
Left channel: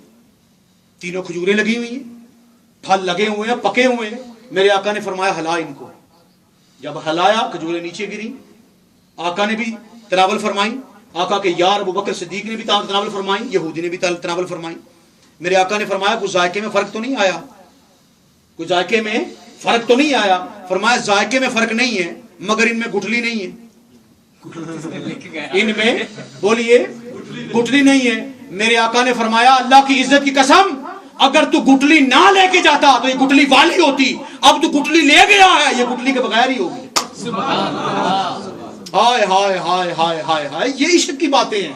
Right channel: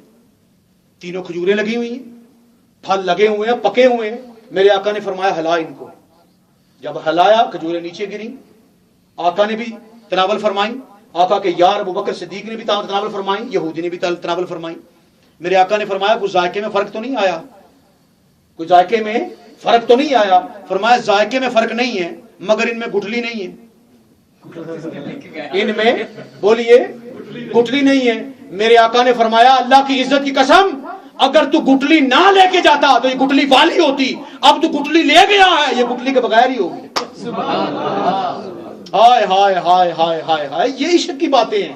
تینوں کھجوریں لگی ہوئی ہیں, پھل لگے ہوئے ہیں, پکے ہوئے ہیں. میرے آقا نے فرمایا ہلا ان کو. جب ہلایا کھجوریں نیچے گری. آقا نے بھی تناول فرمائی, آقا کے یار ابو بکر صدیق نے بھی تناول فرمائی, یہودی نے بھی تناول فرمائی. میرے آقا نے فرمایا کوئی ذائقے میں فرق تو نہیں آیا؟ کوئی ذائقے میں فرق تو نہیں آیا؟ فرمایا ذائقے میں فرق نہیں ہے مگر ان میں گٹلی نہیں ہے. ان میں بولیے گٹلی نہیں ہے. میرے آقا نے فرمایا اللہ کی عزت کی قسم اگر تو گٹلی نہ لے کے جاتا تو یہ گٹلی والی ہوتی, اب تو گٹلی لے گیا ہے, یہ گٹلی کے بغیر ہی ہوگی. ہائے ہائے ہائے ہائے ہائے ہائے, یہ عشق کی باتیں ہیں,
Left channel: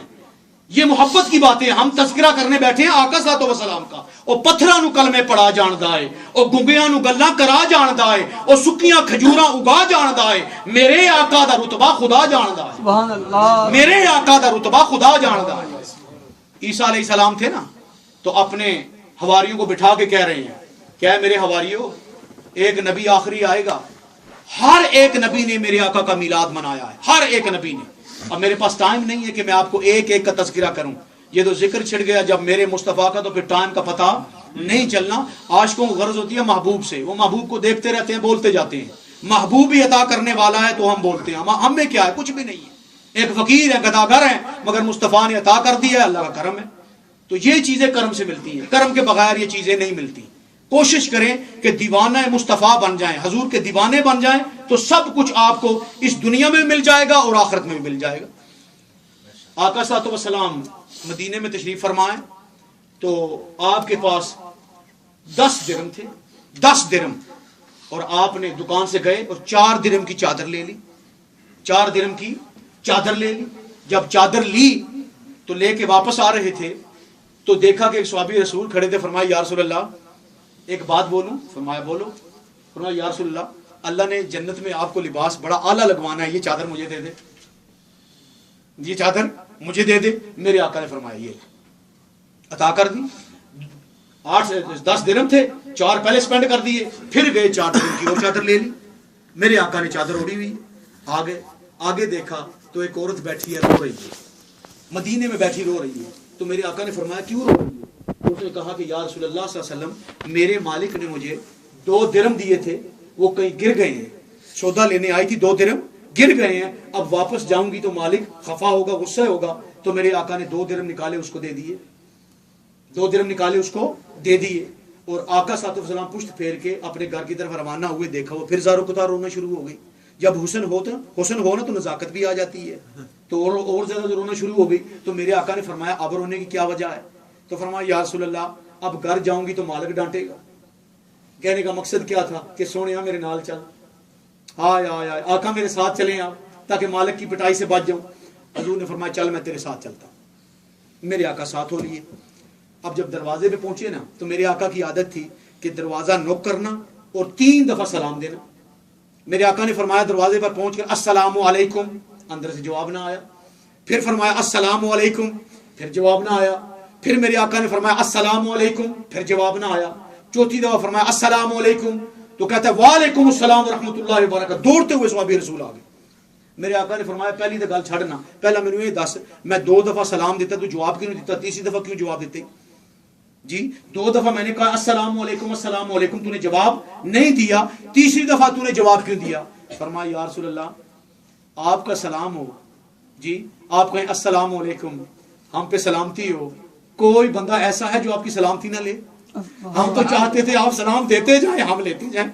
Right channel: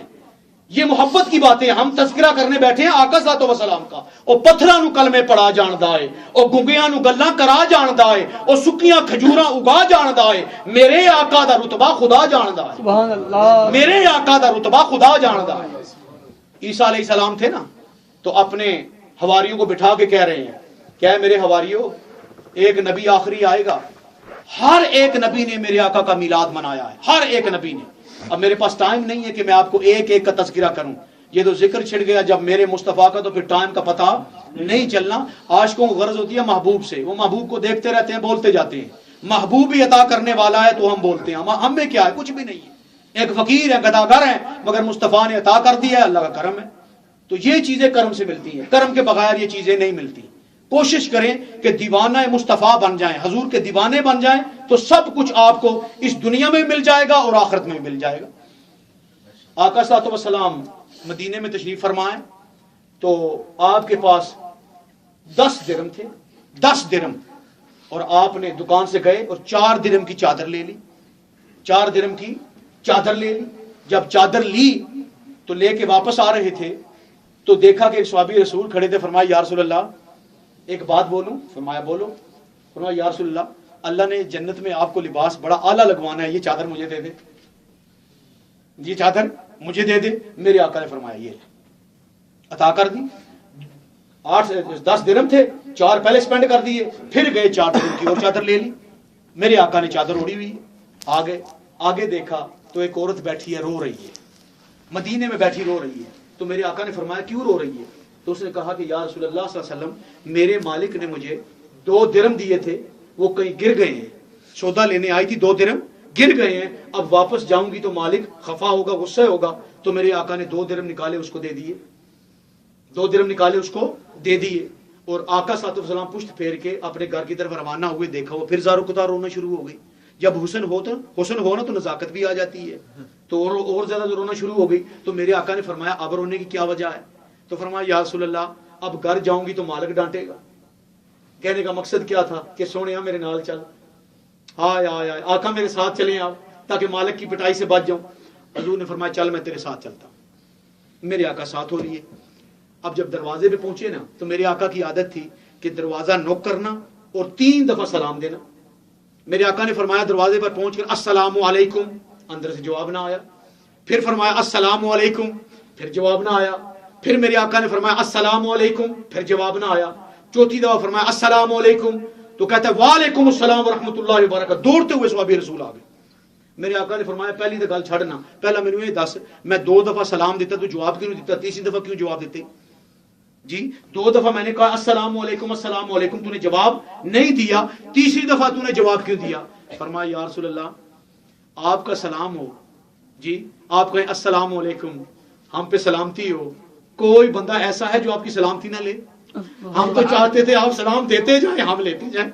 یہ محبت کی باتیں. ہم تذکرہ کرنے بیٹھے ہیں آقا صلی اللہ علیہ وسلم کا. او پتھراں نو کلمے پڑھا جاندا ہے, او گنگیاں نو گلاں کرا جاندا ہے, او سکیاں کھجوراں اگا جاندا ہے. میرے آقا دا رتبہ خدا جاندا ہے. سبحان اللہ. میرے آقا دا رتبہ خدا جاندا ہے. عیسیٰ علیہ السلام تھے نا تو اپنے حواریوں کو بٹھا کے کہہ رہے ہیں کیا ہے میرے حواریوں, ایک نبی آخری آئے گا. ہر ایک نبی نے میرے آقا کا میلاد منایا ہے, ہر ایک نبی نے. اب میرے پاس ٹائم نہیں ہے کہ میں آپ کو ایک ایک کا تذکرہ کروں, یہ تو ذکر چھڑ گیا جب میرے مصطفیٰ کا, تو پھر ٹائم کا پتہ نہیں چلنا. عاشقوں کو غرض ہوتی ہے محبوب سے, وہ محبوب کو دیکھتے رہتے ہیں, بولتے جاتے ہیں. محبوبی عطا کرنے والا ہے تو ہم بولتے ہیں، ہم میں کیا ہے؟ کچھ بھی نہیں ہے، ایک فقیر ہے، گداگر ہے، مگر مصطفیٰ نے عطا کر دیا ہے، اللہ کا کرم ہے۔ تو یہ چیزیں کرم سے ملتی ہیں، کرم کے بغیر یہ چیزیں نہیں ملتی۔ کوشش کریں کہ دیوانہ مصطفیٰ بن جائیں، حضور کے دیوانے بن جائیں، تو سب کچھ آپ کو اس دنیا میں مل جائے گا اور آخرت میں بھی مل جائے گا۔ آقا صلی اللہ علیہ وسلم مدینے میں تشریف فرمائے تو آپ کے پاس 10 درم تھے، 10 درم، اور آپ نے دکان سے گئے اور 4 درم کی چادر لے لی، 4 درم کی چادر لے لی۔ جب چادر لی تو لے کے واپس آ رہے تھے تو دیکھا کہ ایک صحابی رسول کھڑے تھے، فرمایا یا رسول اللہ ایک بات بولوں؟ فرمایا بولو۔ فرمایا یا رسول اللہ نے جنت میں آپ کو لباس بڑا اعلیٰ لگوانا ہے، یہ چادر مجھے دے دے، یہ چادر مجھے دے دے۔ میرے آقا نے فرمایا یہ عطا کر دی۔ 8 سے 10 درم تھے، 4 پہلے سپینڈ کر دیے، پھر گئے 4 درم کی اور چادر لے لی۔ میرے آقا نے چادر اڑی ہوئی آگے دیکھا تو ایک عورت بیٹھی ہے، رو رہی ہے، مدینے میں بیٹھی رو رہی ہے۔ تو میرے آقا نے فرمایا کیوں رو رہی ہے؟ تو اس نے کہا کہ یا رسول اللہ صلی اللہ علیہ وسلم میرے مالک نے مجھے 2 درم دیے تھے، وہ کہیں گر گئے ہیں، سودا لینے آئی تھی، 2 درم گر گئے ہیں، اب واپس جاؤں گی تو مالک خفا ہوگا، غصہ ہوگا۔ تو میرے آقا نے 2 درم نکالے اس کو دے دیے، 2 درم نکالے اس کو دے دیے۔ اور آقا صلی اللہ علیہ وسلم پشت پھیر کے اپنے گھر کی طرف روانہ ہوئے، دیکھا وہ پھر زارو کتار رونا شروع ہو گئی۔ جب حسن ہو نا تو نزاکت بھی آ جاتی ہے، تو اور زیادہ رونا شروع ہو گئی۔ تو میرے آقا نے فرمایا اب رونے کی کیا وجہ ہے؟ تو فرمایا یا رسول اللہ اب گھر جاؤں گی تو مالک ڈانٹے گا۔ کہنے کا مقصد کیا تھا کہ سونیا میرے نال چل، آئے آقا میرے ساتھ چلیں آپ، تاکہ مالک کی پٹائی سے بچ جاؤں۔ حضور نے فرمایا چل میں تیرے ساتھ چلتا ہوں۔ میرے آقا ساتھ ہو لیے۔ اب جب دروازے پہ پہنچے نا تو میرے آقا کی عادت تھی کہ دروازہ نوک کرنا اور 3 دفعہ سلام دینا۔ میرے آقا نے فرمایا دروازے پر پہنچ کر السلام علیکم، اندر سے جواب نہ آیا۔ پھر فرمایا السلام علیکم، پھر جواب نہ آیا۔ پھر میرے آقا نے فرمایا السلام علیکم، پھر جواب نہ آیا۔ 4تھی دفعہ فرمایا السلام علیکم، تو کہتا ہے وعلیکم السلام ورحمۃ اللہ وبرکاتہ، دوڑتے ہوئے صحابی رسول آ گئے۔ میرے آقا نے فرمایا پہلی تو گل چھڑنا، پہلا مینوں یہ دس میں 2 دفعہ سلام دیتا تو جواب کیوں نہیں دیتا؟ تیسری دفعہ کیوں جواب دیتے؟ جی 2 دفعہ میں نے کہا السلام علیکم السلام علیکم، تو نے جواب نہیں دیا، تیسری دفعہ تو نے جواب کیوں دیا؟ فرمایا یا رسول اللہ آپ کا سلام ہو، جی آپ کہیں السلام علیکم، ہم پہ سلامتی ہو، کوئی بندہ ایسا ہے جو آپ کی سلامتی نہ لے؟ ہم تو چاہتے تھے آپ سلام دیتے جائیں ہم لیتے جائیں،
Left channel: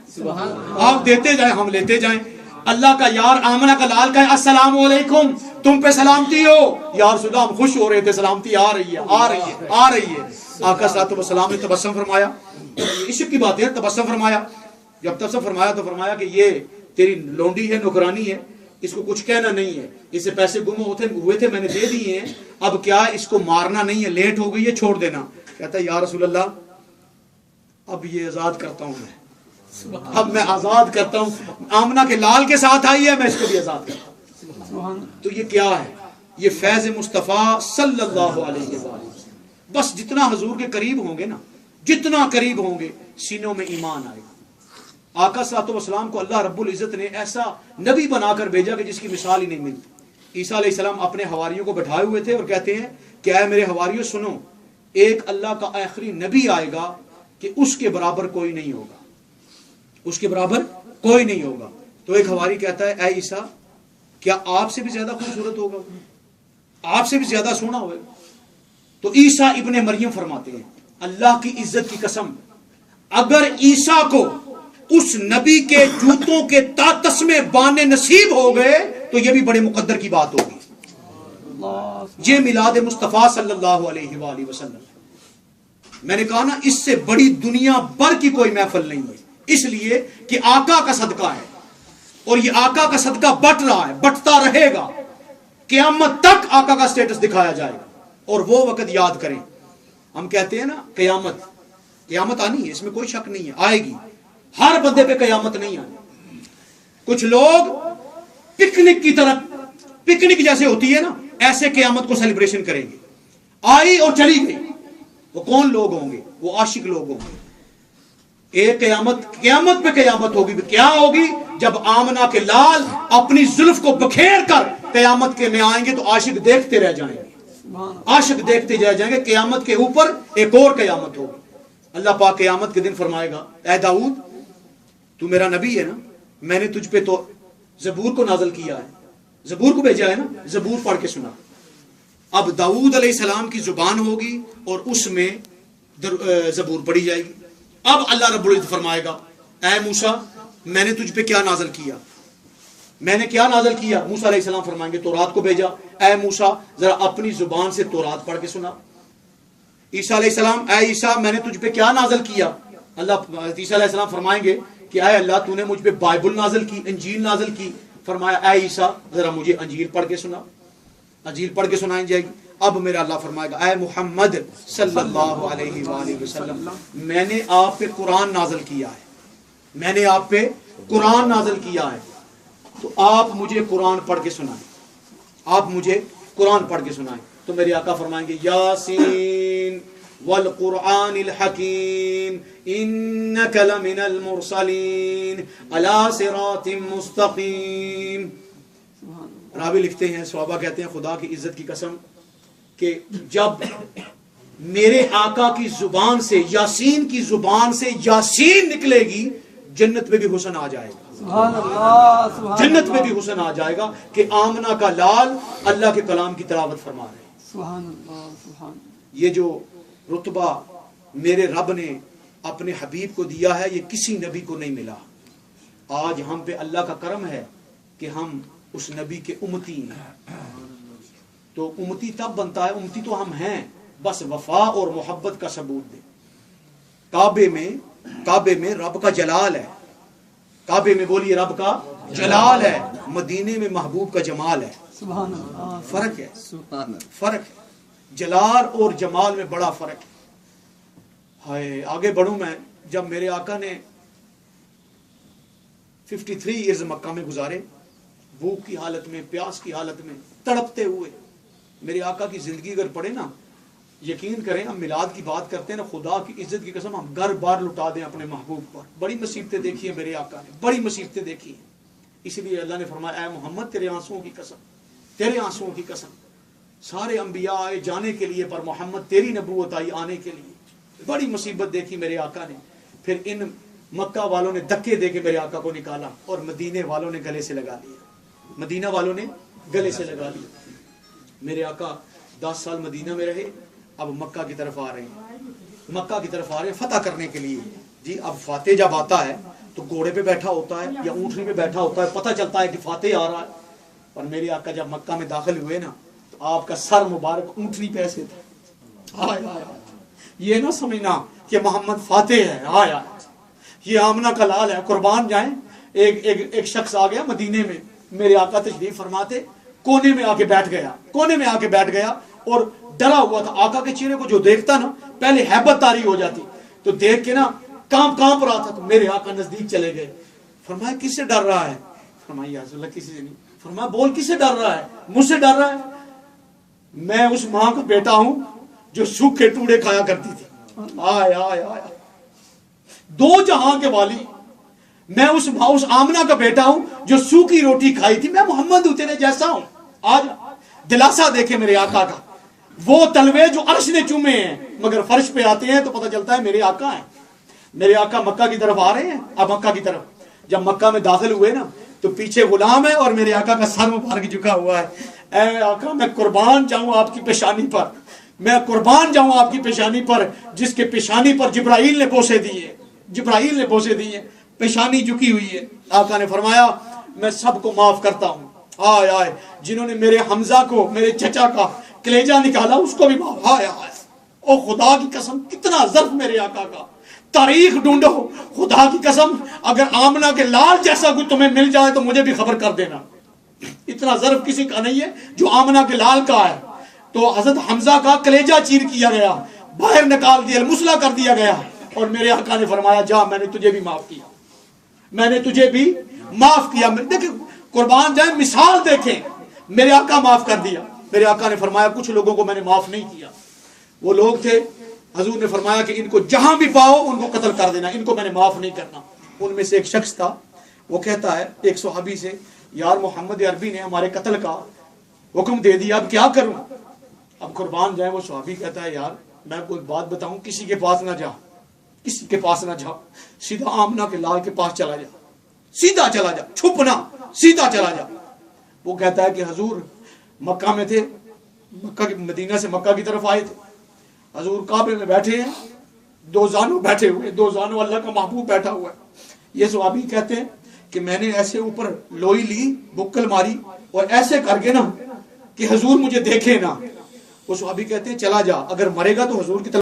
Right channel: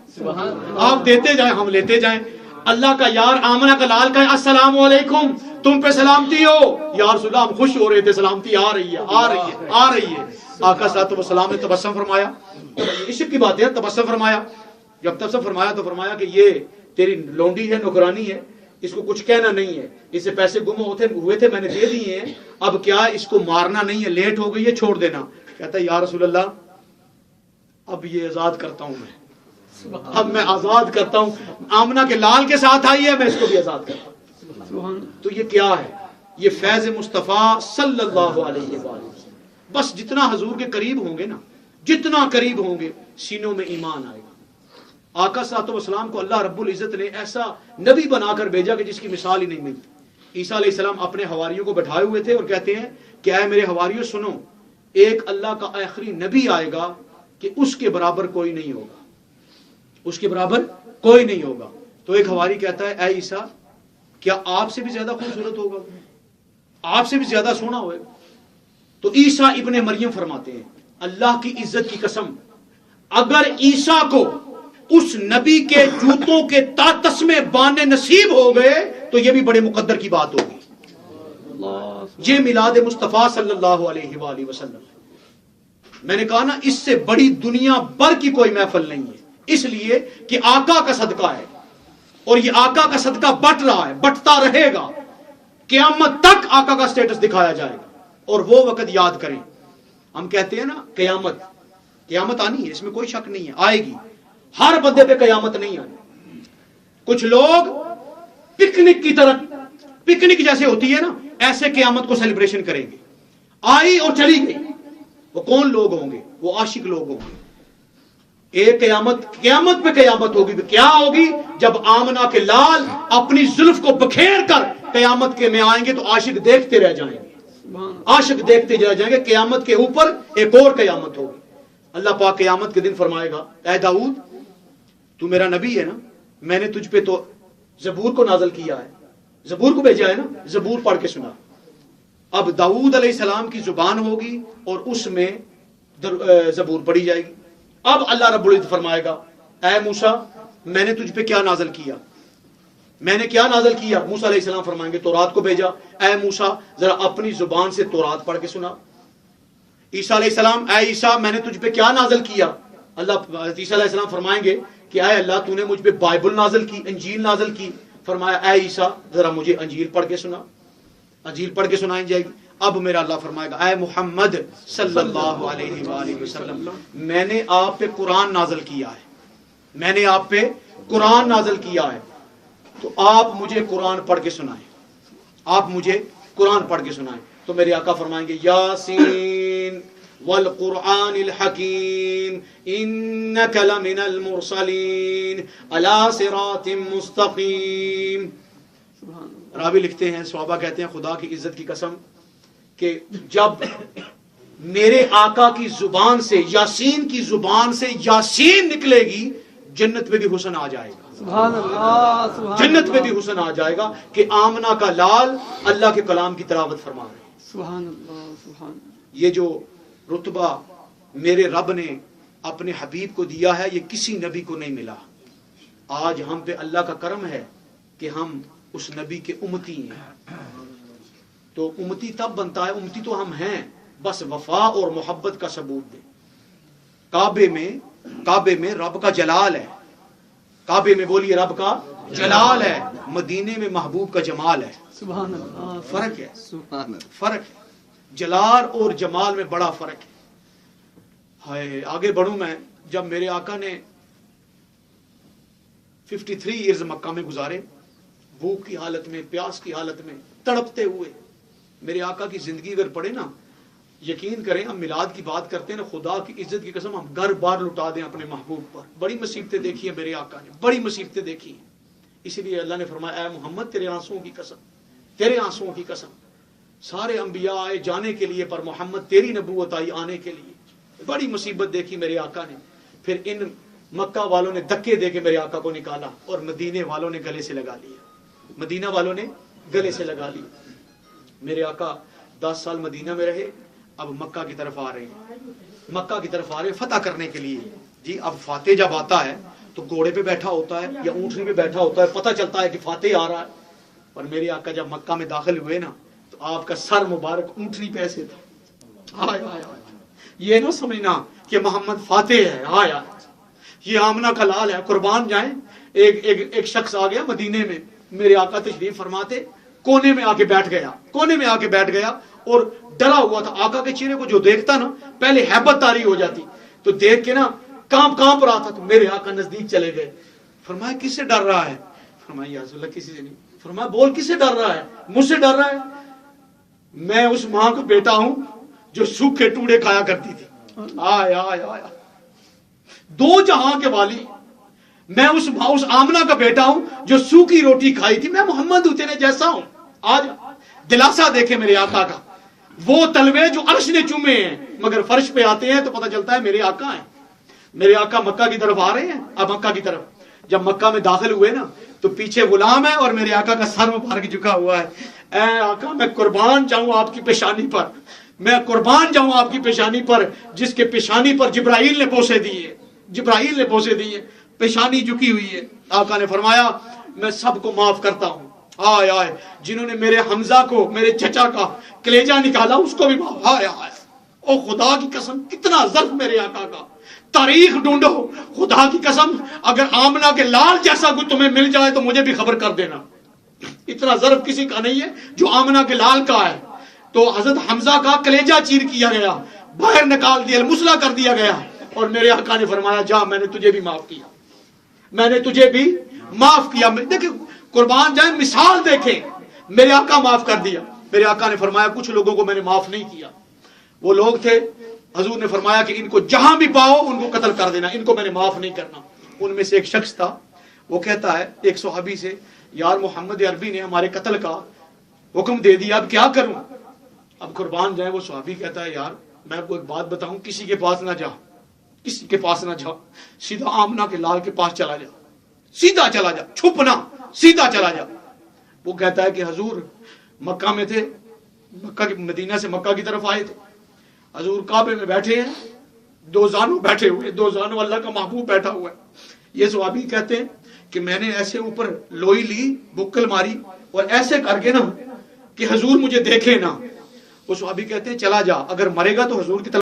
آپ دیتے جائیں ہم لیتے جائیں۔ اللہ کا یار آمنہ کا لال کا السلام علیکم، تم پہ سلامتی ہو۔ یا رسول اللہ ہم خوش ہو رہے تھے، سلامتی آ رہی ہے آ رہی ہے آ رہی ہے۔ آقا صلی اللہ علیہ وسلم نے تبسم فرمایا، عشق کی بات ہے، تبسم فرمایا۔ جب تبسم فرمایا تو فرمایا کہ یہ تیری لونڈی ہے، نوکرانی ہے، اس کو کچھ کہنا نہیں ہے، اس سے پیسے گم ہوئے تھے میں نے دے دیے ہیں، اب کیا اس کو مارنا نہیں ہے، لیٹ ہو گئی ہے چھوڑ دینا۔ کہتا ہے یا رسول اللہ اب یہ آزاد کرتا ہوں میں، اب میں آزاد کرتا ہوں، آمنہ کے لال کے ساتھ آئی ہے میں اس کو بھی آزاد کرتا ہوں۔ تو یہ کیا ہے؟ یہ فیض مصطفیٰ صلی اللہ علیہ وسلم۔ بس جتنا حضور کے قریب ہوں گے نا، جتنا قریب ہوں گے سینوں میں ایمان آئے گا۔ آقا صلی اللہ علیہ وسلم کو اللہ رب العزت نے ایسا نبی بنا کر بھیجا کہ جس کی مثال ہی نہیں ملتی۔ عیسیٰ علیہ السلام اپنے حواریوں کو بٹھائے ہوئے تھے اور کہتے ہیں کہ اے میرے حواریوں سنو، ایک اللہ کا آخری نبی آئے گا کہ اس کے برابر کوئی نہیں ہوگا، اس کے برابر کوئی نہیں ہوگا۔ تو ایک حواری کہتا ہے اے عیسیٰ کیا آپ سے بھی زیادہ خوبصورت ہوگا، آپ سے بھی زیادہ سونا ہوئے؟ تو عیسیٰ ابن مریم فرماتے ہیں اللہ کی عزت کی قسم اگر عیسیٰ کو اس نبی کے جوتوں کے تسمے بانے نصیب ہو گئے تو یہ بھی بڑے مقدر کی بات ہوگی۔ یہ میلاد مصطفیٰ صلی اللہ علیہ وآلہ وسلم، میں نے کہا نا اس سے بڑی دنیا بھر کی کوئی محفل نہیں ہے، اس لیے کہ آقا کا صدقہ ہے اور یہ آقا کا صدقہ بٹ رہا ہے، بٹتا رہے گا، قیامت تک آقا کا سٹیٹس دکھایا جائے گا۔ اور وہ وقت یاد کریں، ہم کہتے ہیں نا قیامت آنی ہے، اس میں کوئی شک نہیں ہے، آئے گی، ہر بندے پہ قیامت نہیں آئے۔ کچھ لوگ پکنک کی طرح، پکنک جیسے ہوتی ہے نا ایسے قیامت کو سیلیبریشن کریں گے، آئی اور چلی گئی۔ وہ کون لوگ ہوں گے؟ وہ عاشق لوگ ہوں گے۔ ایک قیامت پہ قیامت ہوگی، کیا ہوگی؟ جب آمنہ کے لال اپنی زلف کو بکھیر کر قیامت کے میں آئیں گے تو عاشق دیکھتے رہ جائیں گے، عاشق دیکھتے رہ جائیں گے۔ قیامت کے اوپر ایک اور قیامت ہوگی۔ اللہ پاک قیامت کے دن فرمائے گا اے داؤد تو میرا نبی ہے نا، میں نے تجھ پہ تو زبور کو نازل کیا ہے, زبور کو بھیجا ہے نا, زبور پڑھ کے سنا. اب داؤد علیہ السلام کی زبان ہوگی اور اس میں زبور پڑھی جائے گی. اب اللہ رب العزت فرمائے گا اے موسیٰ میں نے تجھ پہ کیا نازل کیا, میں نے کیا نازل کیا. موسیٰ علیہ السلام فرمائیں گے تورات کو بھیجا, اے موسیٰ ذرا اپنی زبان سے تورات پڑھ کے سنا. عیسیٰ علیہ السلام اے عیسیٰ میں نے تجھ پہ کیا نازل کیا. اللہ عیسیٰ علیہ السلام فرمائیں گے کہ اے اللہ تو نے مجھ پہ بائبل نازل کی, انجیل نازل کی. فرمایا اے عیسیٰ ذرا مجھے انجیل پڑھ کے سنا. انجیل پڑھ کے سنائی جائے گی. اب میرا اللہ فرمائے گا اے محمد صلی اللہ علیہ وآلہ وسلم میں نے آپ پہ قرآن نازل کیا ہے, میں نے آپ پہ قرآن نازل کیا ہے, تو آپ مجھے قرآن پڑھ کے سنائیں, آپ مجھے قرآن پڑھ کے سنائیں. تو میرے آقا فرمائیں گے یاسین والقرآن الحکیم انک لمن المرسلین علی صراط مستقیم. راوی لکھتے ہیں, صحابہ کہتے ہیں خدا کی عزت کی قسم کہ جب میرے آقا کی زبان سے, یاسین کی زبان سے یاسین نکلے گی, جنت میں بھی حسن آ جائے گا. سبحان اللہ, سبحان جنت میں بھی حسن آ جائے گا کہ آمنہ کا لال اللہ کے کلام کی تلاوت فرما رہے ہیں. سبحان اللہ, سبحان. یہ جو رتبہ میرے رب نے اپنے حبیب کو دیا ہے یہ کسی نبی کو نہیں ملا. آج ہم پہ اللہ کا کرم ہے کہ ہم اس نبی کے امتی ہیں. تو امتی تب بنتا ہے, امتی تو ہم ہیں, بس وفا اور محبت کا ثبوت ہے. کعبے میں رب کا جلال ہے, کعبے میں بولیے رب کا جلال ہے, مدینے میں محبوب کا جمال ہے. سبحان اللہ. فرق ہے, فرق ہے, جلال اور جمال میں بڑا فرق ہے. ہائے آگے بڑھوں میں, جب میرے آقا نے 53 ایئرز مکہ میں گزارے, بھوک کی حالت میں, پیاس کی حالت میں, تڑپتے ہوئے, میرے آقا کی زندگی اگر پڑھے نا, یقین کریں ہم میلاد کی بات کرتے ہیں نا, خدا کی عزت کی قسم ہم گھر بار لٹا دیں اپنے محبوب پر. بڑی مصیبتیں دیکھی ہے میرے آقا نے, بڑی مصیبتیں دیکھی ہیں. اس لیے اللہ نے فرمایا اے محمد تیرے آنسوؤں کی قسم, تیرے آنسوؤں کی قسم. سارے انبیاء آئے جانے کے لیے پر محمد تیری نبوت آئی آنے کے لیے. بڑی مصیبت دیکھی میرے آقا نے. پھر ان مکہ والوں نے دھکے دے کے میرے آقا کو نکالا اور مدینے والوں نے گلے سے لگا لیا, مدینہ والوں نے گلے سے لگا لیا. میرے آقا 10 سال مدینہ میں رہے, اب مکہ کی طرف آ رہے ہیں, مکہ کی طرف آ رہے ہیں فتح کرنے کے لیے. جی اب فاتح جب آتا ہے تو گھوڑے پہ بیٹھا ہوتا ہے یا اونٹنی پہ بیٹھا ہوتا ہے, پتہ چلتا ہے کہ فاتح آ رہا ہے. اور میرے آقا جب مکہ میں داخل ہوئے نا تو آپ کا سر مبارک اونٹنی پہ ایسے تھا. یہ نہ سمجھنا کہ محمد فاتح ہے, آیا یہ آمنہ کا لال ہے, قربان جائیں. ایک شخص آ گیا مدینے میں, میرے آقا تشریف فرماتے, کونے میں آ کے بیٹھ گیا, کونے میں آ کے بیٹھ گیا اور ڈرا ہوا تھا. آقا کے چہرے کو جو دیکھتا نا پہلے ہیبت طاری ہو جاتی, تو دیکھ کے نا کانپ رہا تھا. تو میرے آقا نزدیک چلے گئے, فرمایا کس سے ڈر رہا ہے؟ فرمایا یا رسول اللہ کسی سے نہیں. فرمایا بول کس سے ڈر رہا ہے؟ مجھ سے ڈر رہا ہے. میں اس ماں کا بیٹا ہوں جو سوکھے ٹوڑے کھایا کرتی تھی. آیا آیا آیا دو جہاں کے والی, میں اس آمنہ کا بیٹا ہوں جو سوکھی روٹی کھائی تھی. میں محمد ہوں تیرے جیسا ہوں. آج دلاسا دیکھے میرے آقا کا, وہ تلوے جو عرش نے چومے ہیں مگر فرش پہ آتے ہیں تو پتہ چلتا ہے میرے آقا ہیں. میرے آقا مکہ کی طرف آ رہے ہیں. اب مکہ کی طرف جب مکہ میں داخل ہوئے نا تو پیچھے غلام ہے اور میرے آقا کا سر مبارک جھکا ہوا ہے. اے آقا میں قربان جاؤں آپ کی پیشانی پر, میں قربان جاؤں آپ کی پیشانی پر جس کے پیشانی پر جبرائیل نے بوسے دیے, جبرائیل نے بوسے دیے, پیشانی جھکی ہوئی ہے. آقا نے فرمایا میں سب کو معاف کرتا ہوں. آئے آئے جنہوں نے میرے حمزہ کو, میرے چچا کا کلیجہ نکالا اس کو بھی معاف. آئے آئے او خدا کی قسم کتنا ظرف میرے آقا کا. تاریخ ڈھونڈو, خدا کی قسم اگر آمنہ کے لال جیسا کوئی تمہیں مل جائے تو مجھے بھی خبر کر دینا. اتنا ظرف کسی کا نہیں ہے جو آمنہ کے لال کا ہے. تو حضرت حمزہ کا کلیجہ چیر کیا گیا, باہر نکال دیا, مسلح کر دیا گیا, اور میرے آقا نے فرمایا جا میں نے تجھے بھی معاف کیا, میں نے تجھے بھی معاف کیا. دیکھیں قربان جائیں, مثال دیکھیں, میرے آقا معاف کر دیا. میرے آقا نے فرمایا کچھ لوگوں کو میں نے معاف نہیں کیا. وہ لوگ تھے, حضور نے فرمایا کہ ان کو جہاں بھی پاؤ ان کو قتل کر دینا, ان کو میں نے معاف نہیں کرنا. ان میں سے ایک شخص تھا, وہ کہتا ہے ایک صحابی سے, یار محمد عربی نے ہمارے قتل کا حکم دے دیا, اب کیا کروں؟ اب قربان جائیں وہ صحابی کہتا ہے یار میں آپ کو ایک بات بتاؤں, کسی کے پاس نہ جا, کسی کے پاس نہ جا, سیدھا آمنہ کے لال کے پاس چلا جا. سیدھا چلا جا، چھپنا، سیدھا چلا جا. وہ کہتا ہے کہ حضور مکہ میں تھے، مدینہ سے مکہ کی طرف آئے تھے، حضور کعبے میں بیٹھے ہیں، دو زانو بیٹھے ہوئے، دو زانو اللہ کا محبوب بیٹھا ہوا ہے. یہ صحابی کہتے ہیں کہ میں نے ایسے اوپر لوئی لی، بکل ماری اور ایسے کر کے نا کہ حضور مجھے دیکھے نا. وہ صحابی کہتے ہیں چلا جا، اگر مرے گا تو حضور کی طرف